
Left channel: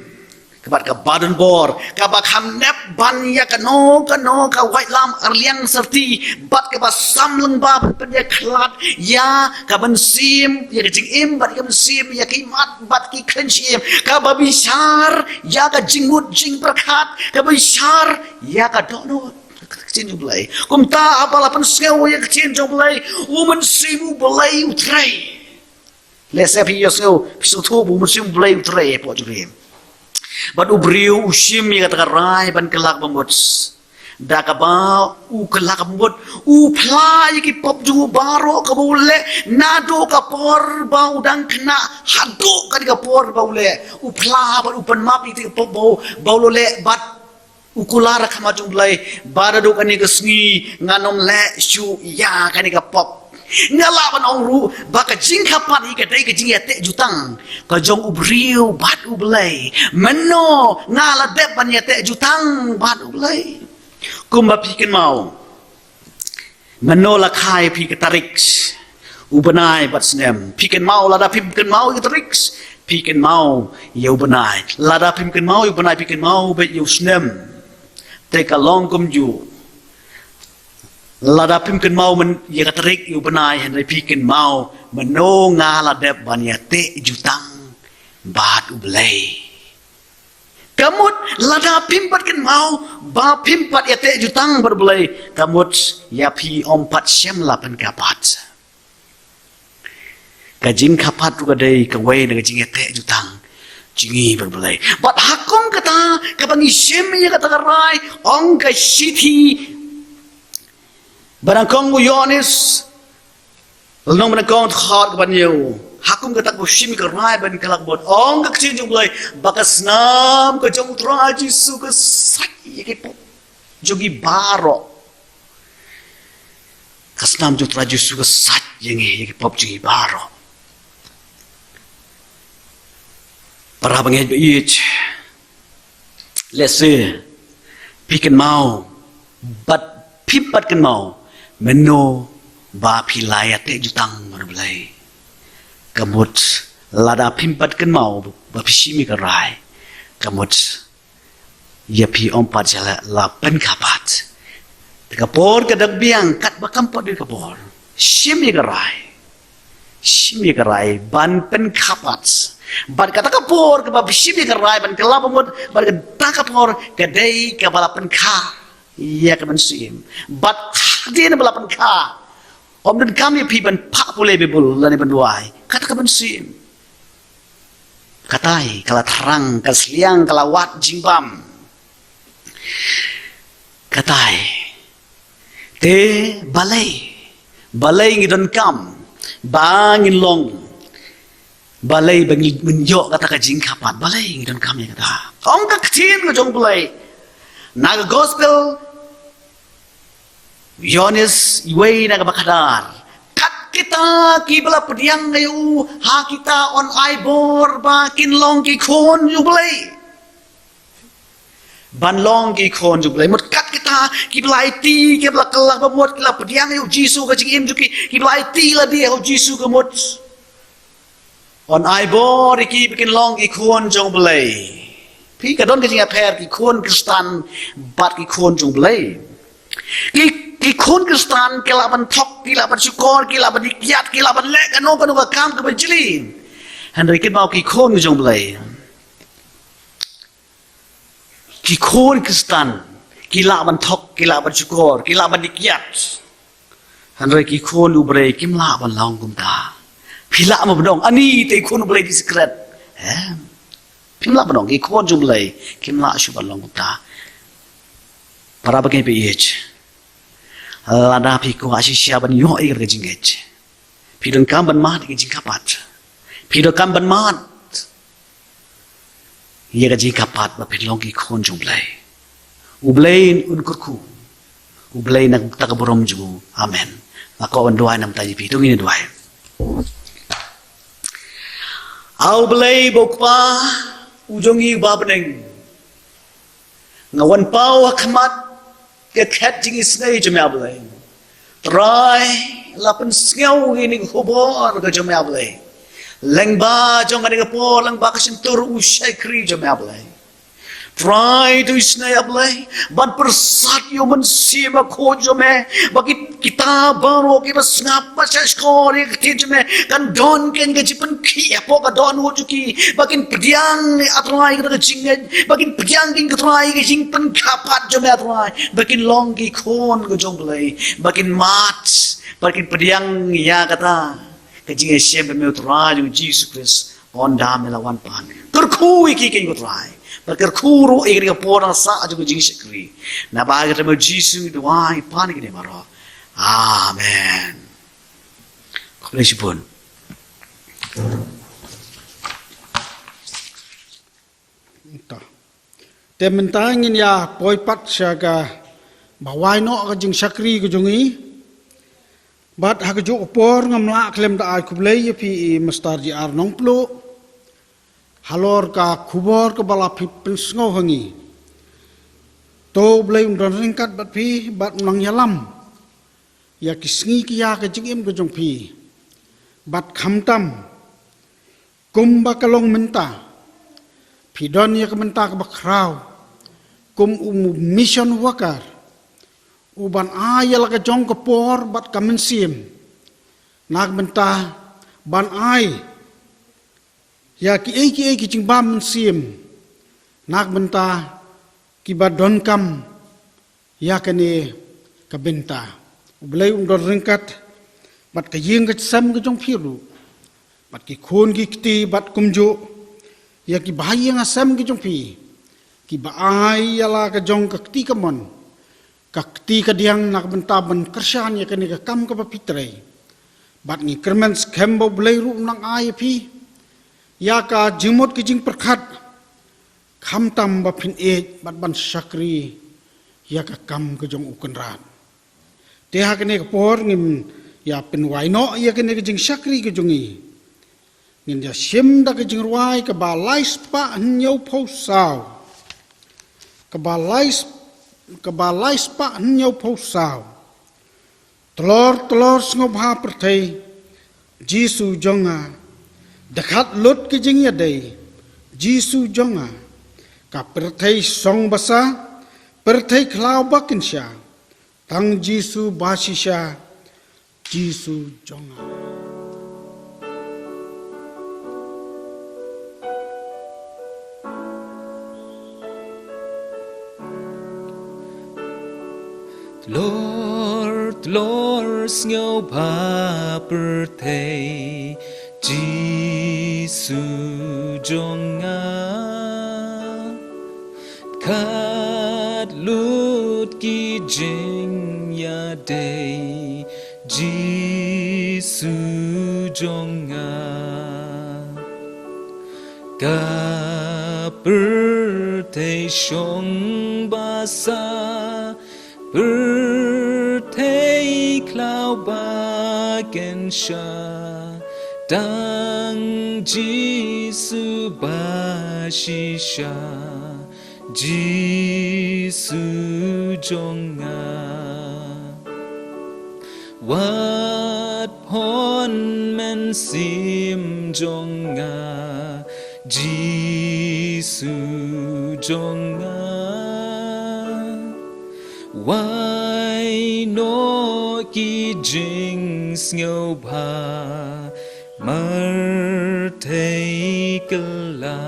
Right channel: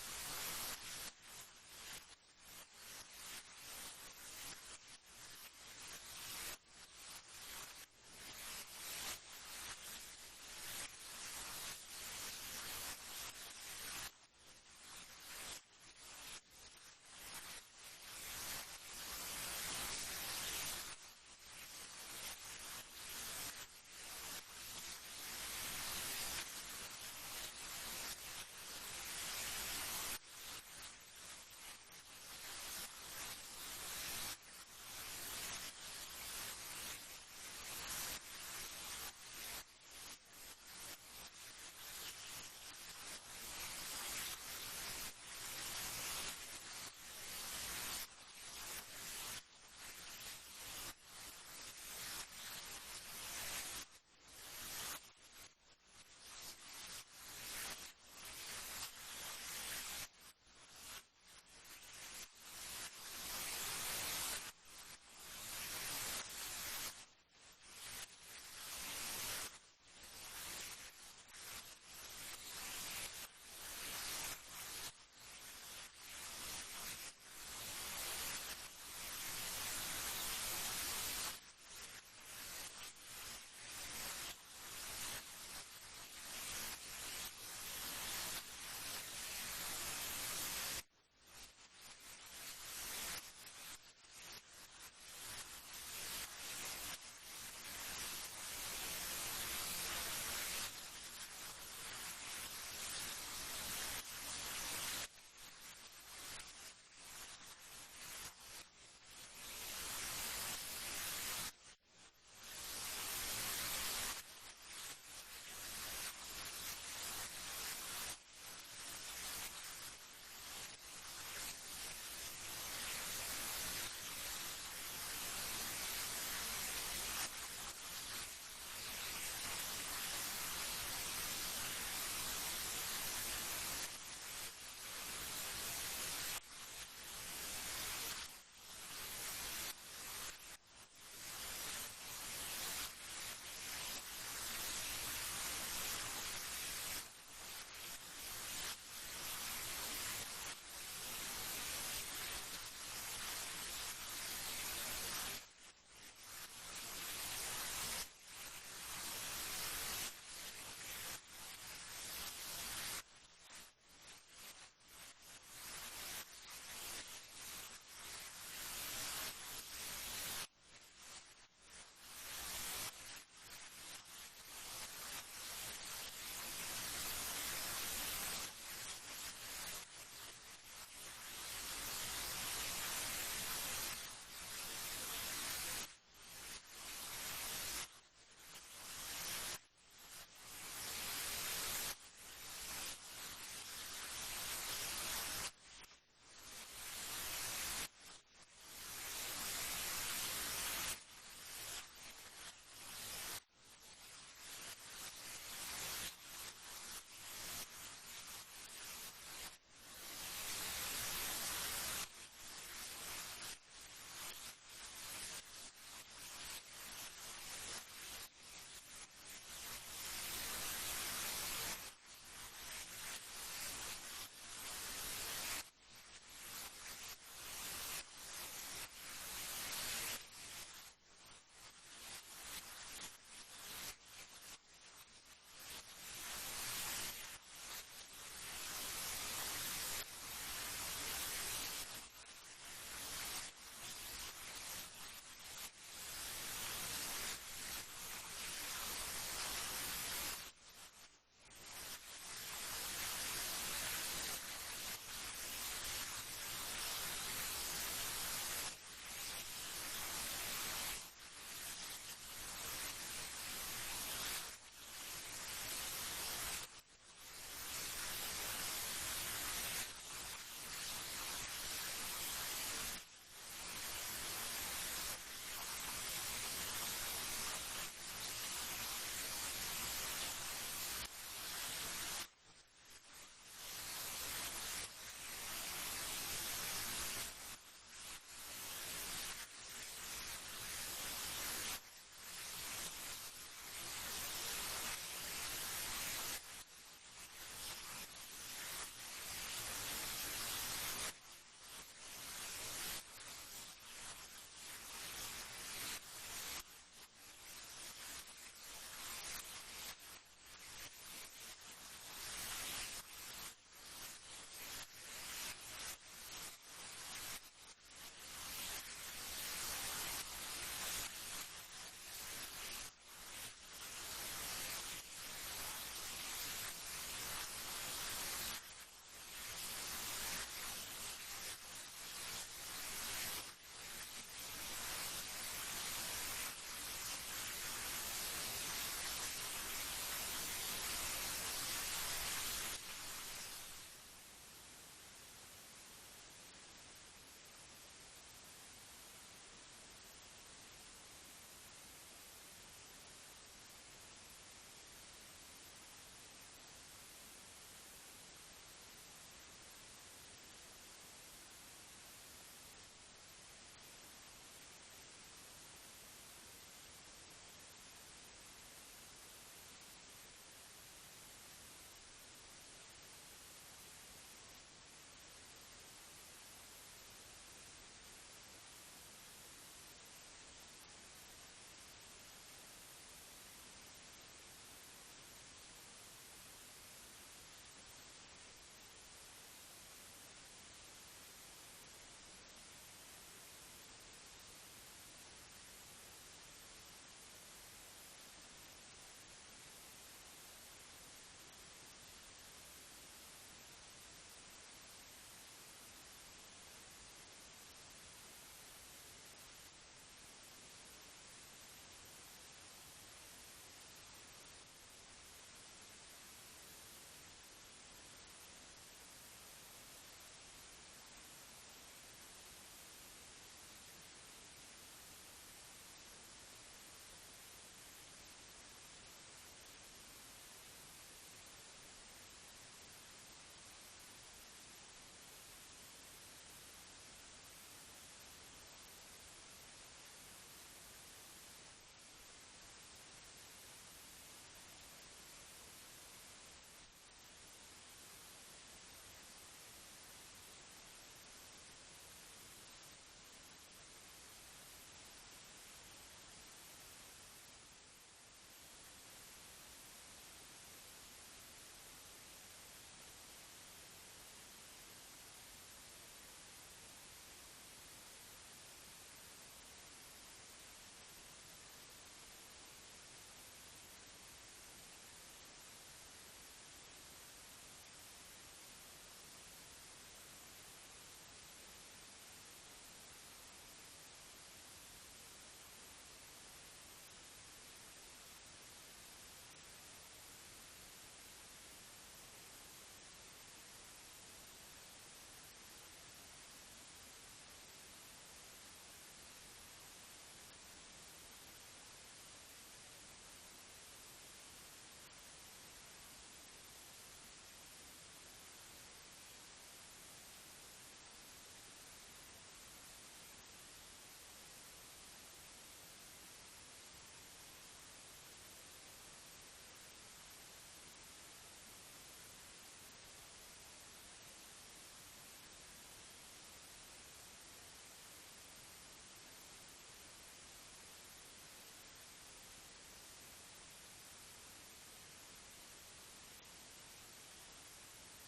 kabat ka badan bor kabak ham nep ban ya ka no ka white lam arliang serti bat ka ba samlung ba pen ya klat ya ka ban sim ya ka jing im bat ka ban sim ya ki mat bat ki khenchim ka ba bishar ya ka jingmut jing prakat ka bishar ya ka dono chin blai kum ta apala pen skew ya chin blai woman sim blai utrai lesa pi yo skew pisu tu woman sim blai utrai po jure But ubriu usim yang kata rai ban kelak bambuts. Da kaba u kelak bambut u plai ki pop ju baro ka bole nado ka por bau dang kena hado ka ka por bau le u pla ba u pan map itu pop bau le bat u kulara kama jumlai bara do kani ka sngi nganom le shu ya kani ka pop ngalaban ong ru baka jingkapan ika dai ka jingete jutang ka jong ubriu bat ublai meno ngala dep ban yete jutang bat ublai kumba pikin mau meno la khai pi ka tarik ubanai bat snem pikin mau lada pikin mau ka tarik pikin mau ya ubanai lada pikin mau ubanai pikin mau bet yu snem take a long kum ju Lada pimkin mau men ya katarik yu benai henry pikin mau meno ngala dep banya te jutang bat ublay. Kamut lada pimpat kin mau ba pimpat ya te jutang berbelay kamut ya pi ompat sem lapan kapat. Kajing kapat juga dei kawai dengan jing ya te jutang jingi berbelay. Bat hakong kata kapangi sem ya kata karai ong ka city Barang kong Yohanes Long barang kong khot ban yo hakum ka tak bushim ka rai ban kalak bot ong ka chin jong blai bakas nam ka jong tra Jisu ka sai ke po jogi baro kasnam jong tra Jisu ka sai ye ke pop jogi baro para bangej be ich let's say pick and mau but pipat kan mau meno ba pilaya te jutang marbelai kamut lada pimpat kan mau ba pisimi ka rai kamut ya pi ompat jala la pen kapat kapor ka dagbiang kat ba kampot di kapor simi ka rai ban pen kapat ban kata kapor ka ba pisimi ka rai ban kelabamut ban ka kapor ka dei ka balapan ka ya ka mansim bat dia na balapan ka om dan kami piban pak boleh bebul lani banduai kata ka mansim katai kala terang kasliang kala wat jimbam katai te balai ngidon kam bangin long balai bangin menjok kata ka jingkapat balai ngidon kam ya kata om ka ktin ka jong balai naga gospel Yohanes iway na kabakadar. Kat kita kibala pediang ngayu ha kita on ibor ba kinlong ki kon jublay. Banlong ki kon jublay. Mut kat kita kibala iti kibala kelah babuat kibala pediang ngayu Jisu ka jingim juki kibala iti la dia ho Jisu ka mut. On ibor iki kinlong ki kon jublay. Pi kadon ka jinga per ki kon Kristan bat ki kon jublay. Ki kon Kristan kilaban tok kilaban syukur kilaban dikiat kilaban lek kanu ka kam ka benjili Henry kin mau ki kon jong blai ki kon Kristan kilaban tok kilaban syukur kilaban dikiat Henry ki kon ubrei kim la ban long kum ta pila ma bedong ani te kon ubrei di secret pim la bedong ki kon jong blai kim la shu ban long kum ta para bagai pe lada pi ko asisya ban yo ai ka jingej pi don kam ban mat ki jingkapat pi do kam ban mat ye ka jingkapat ba pi long ki khon jung blai u blai un kurku Ublay nagtakaburom jugu. Amen. Makawan duay nam tayo pito ngini duay. Au blay bokpa ujongi babneng. Ngawan pau hakmat kekat jing isnay jame ablay. Try lapan singaw ngini hubor ka jame ablay. Lengba jong ani kapo lengba kasintur usay kri jame ablay. Try to isnay ablay, but persat yo mensima ko jome, bakit kita baru kita ngapa sa skor kita jome kan don ken gajipan kia po ka don wo juki, bakin pediang atrai kita jinged, bakin pediang kin katrai ke jingpan kapat jome atrai, bakin longgi kon ko jonglay, bakin mat, bakin pediang ya kata, kajing siapa me utrai jong Jesus Christ on dam lawan pan, terkui kikin ko trai. Bakar kuru ikri kapora sa aja kujing sekri. Na bagai temu Yesus doai panik ni maro. Amen. Kolesi pun. Entah. Tementangin ya poipat siaga bawai no kajing sakri kujungi. Bat hakajuk opor ngamla klem da ai kublai pi mastar ji ar nong plu. Halor ka kubor ka bala pensngau hangi. To blai undon ringkat bat pi bat unang yalam. Ya kisngi kiya ka jingim ka jong pi. Bat khamtam. Kum ba kalong menta. Pi don ya ka menta ka bakraw. Kum mission wakar. Uban ayal ka jong ka por bat ka mensim. Nak menta ban ai. Ya ki jing bam sim nak benta ki badon kam ya kene ka benta ublai don ringkat bat ka yeng ka sam ka jong phiru bat ki khon ki kti bat kumjo ya ki bahai nga sam ki jong phi ki baai ala ka jong ka kti ka mon ka kti ka diang nak benta ban kersan ya kene ka kam ka papitrei bat ni kermen skembo blai ru nang ai phi ya ka jimut ki jing perkhat kham tam ba phin e bat ban sakri ya ka kam ka jong ukun rat te ha kene ka por ngim ya pen wai no ya kene ka jing sakri ka jongi ngin ya sim da ka jing ruai ka ba lais pa nyau phau sao ka ba lais pa nyau phau sao tlor sngob ha perthei Jisu jonga dekat lut ke jing ya dei Jisu jonga ka perthei song basa perthei khlau bakin sha tang Jisu basisha Jisu jonga Lord ngau pa perthei Jisu jonga kat lut ki jing ya day Jisu jonga ka perthei shong basa perthei klau baken sha Dang Jisu basisha Jisu jonga Wat pon men sim jonga Jisu jonga Wai no ki jing ngau ba Martei kala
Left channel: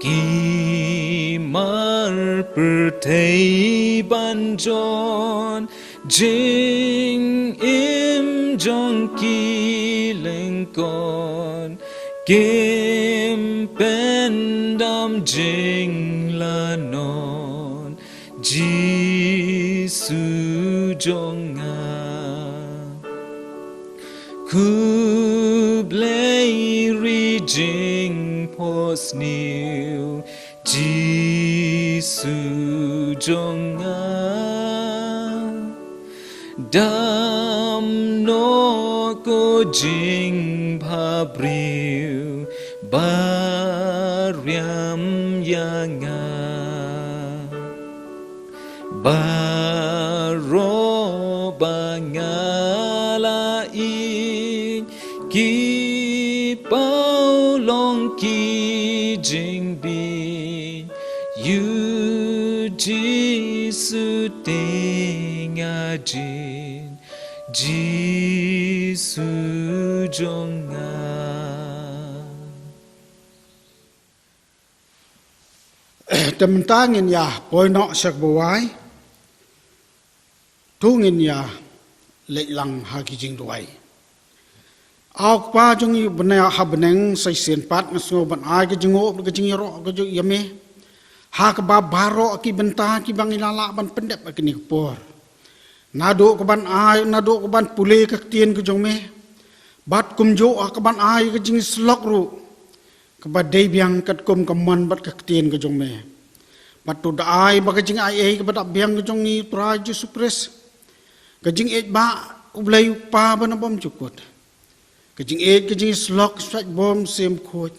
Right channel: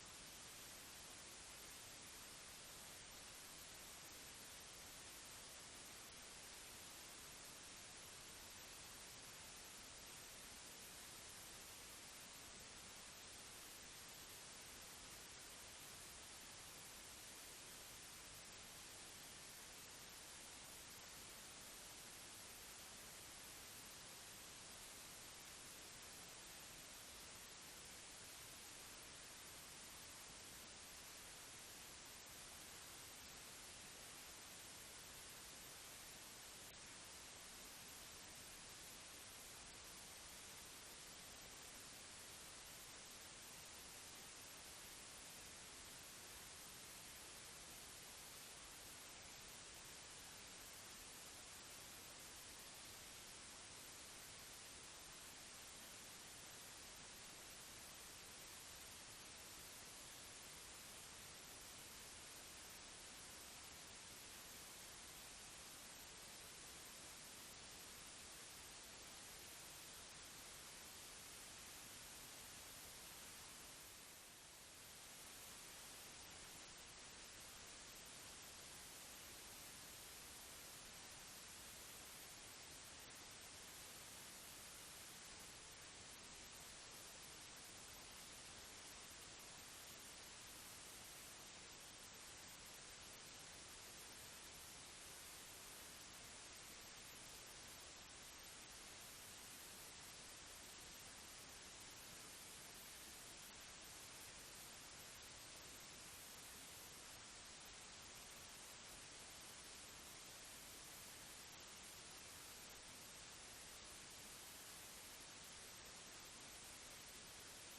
Ki mar pertei banjon Jing im jong ki lengkon Kim pendam jing lanon Jisu jonga Kublai rijing pos new Jisu jong dam no ko jing pha briu bariam yanga baro bangala i ki pao long ki jing bi yu ji su ting a jin ji su jong Temen tangin ya poi nok sak bawai. Tungin ya lek lang ha ki jing duai. Au pa jong yu bena ha beneng sai sen pat ngaso ban ai ke jengo ke jing ro ke ju yame. Ha ke ba baro ki benta ki bang ilala ban pendep ke ni por. Nado ke ban ai nado ke ban pule ke tien ke jong me. Bat kum jo ke ban ai ke jing slok ru. Kepada biang kat kum keman bat ke tien ke jong me. Bat tu dai ba ke jing ai ke bat biang ke jong ni traju supres. Kajing et ba ublay pa ba na bom cukot. Kajing et kajing slok sat bom sem khot.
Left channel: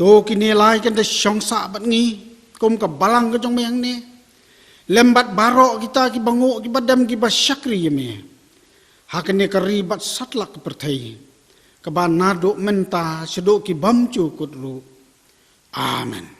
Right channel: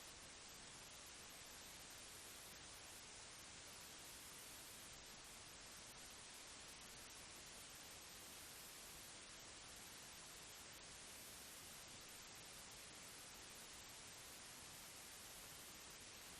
To kinilay kan da syong sa bat ngi kum ka balang ka jong mayang ni. Lembat baro kita ki bango ki badam ki ba syakri yeme. Hakane kari bat satlak perthai. Ka ba nado menta sedo ki bam cukot ru. Amen.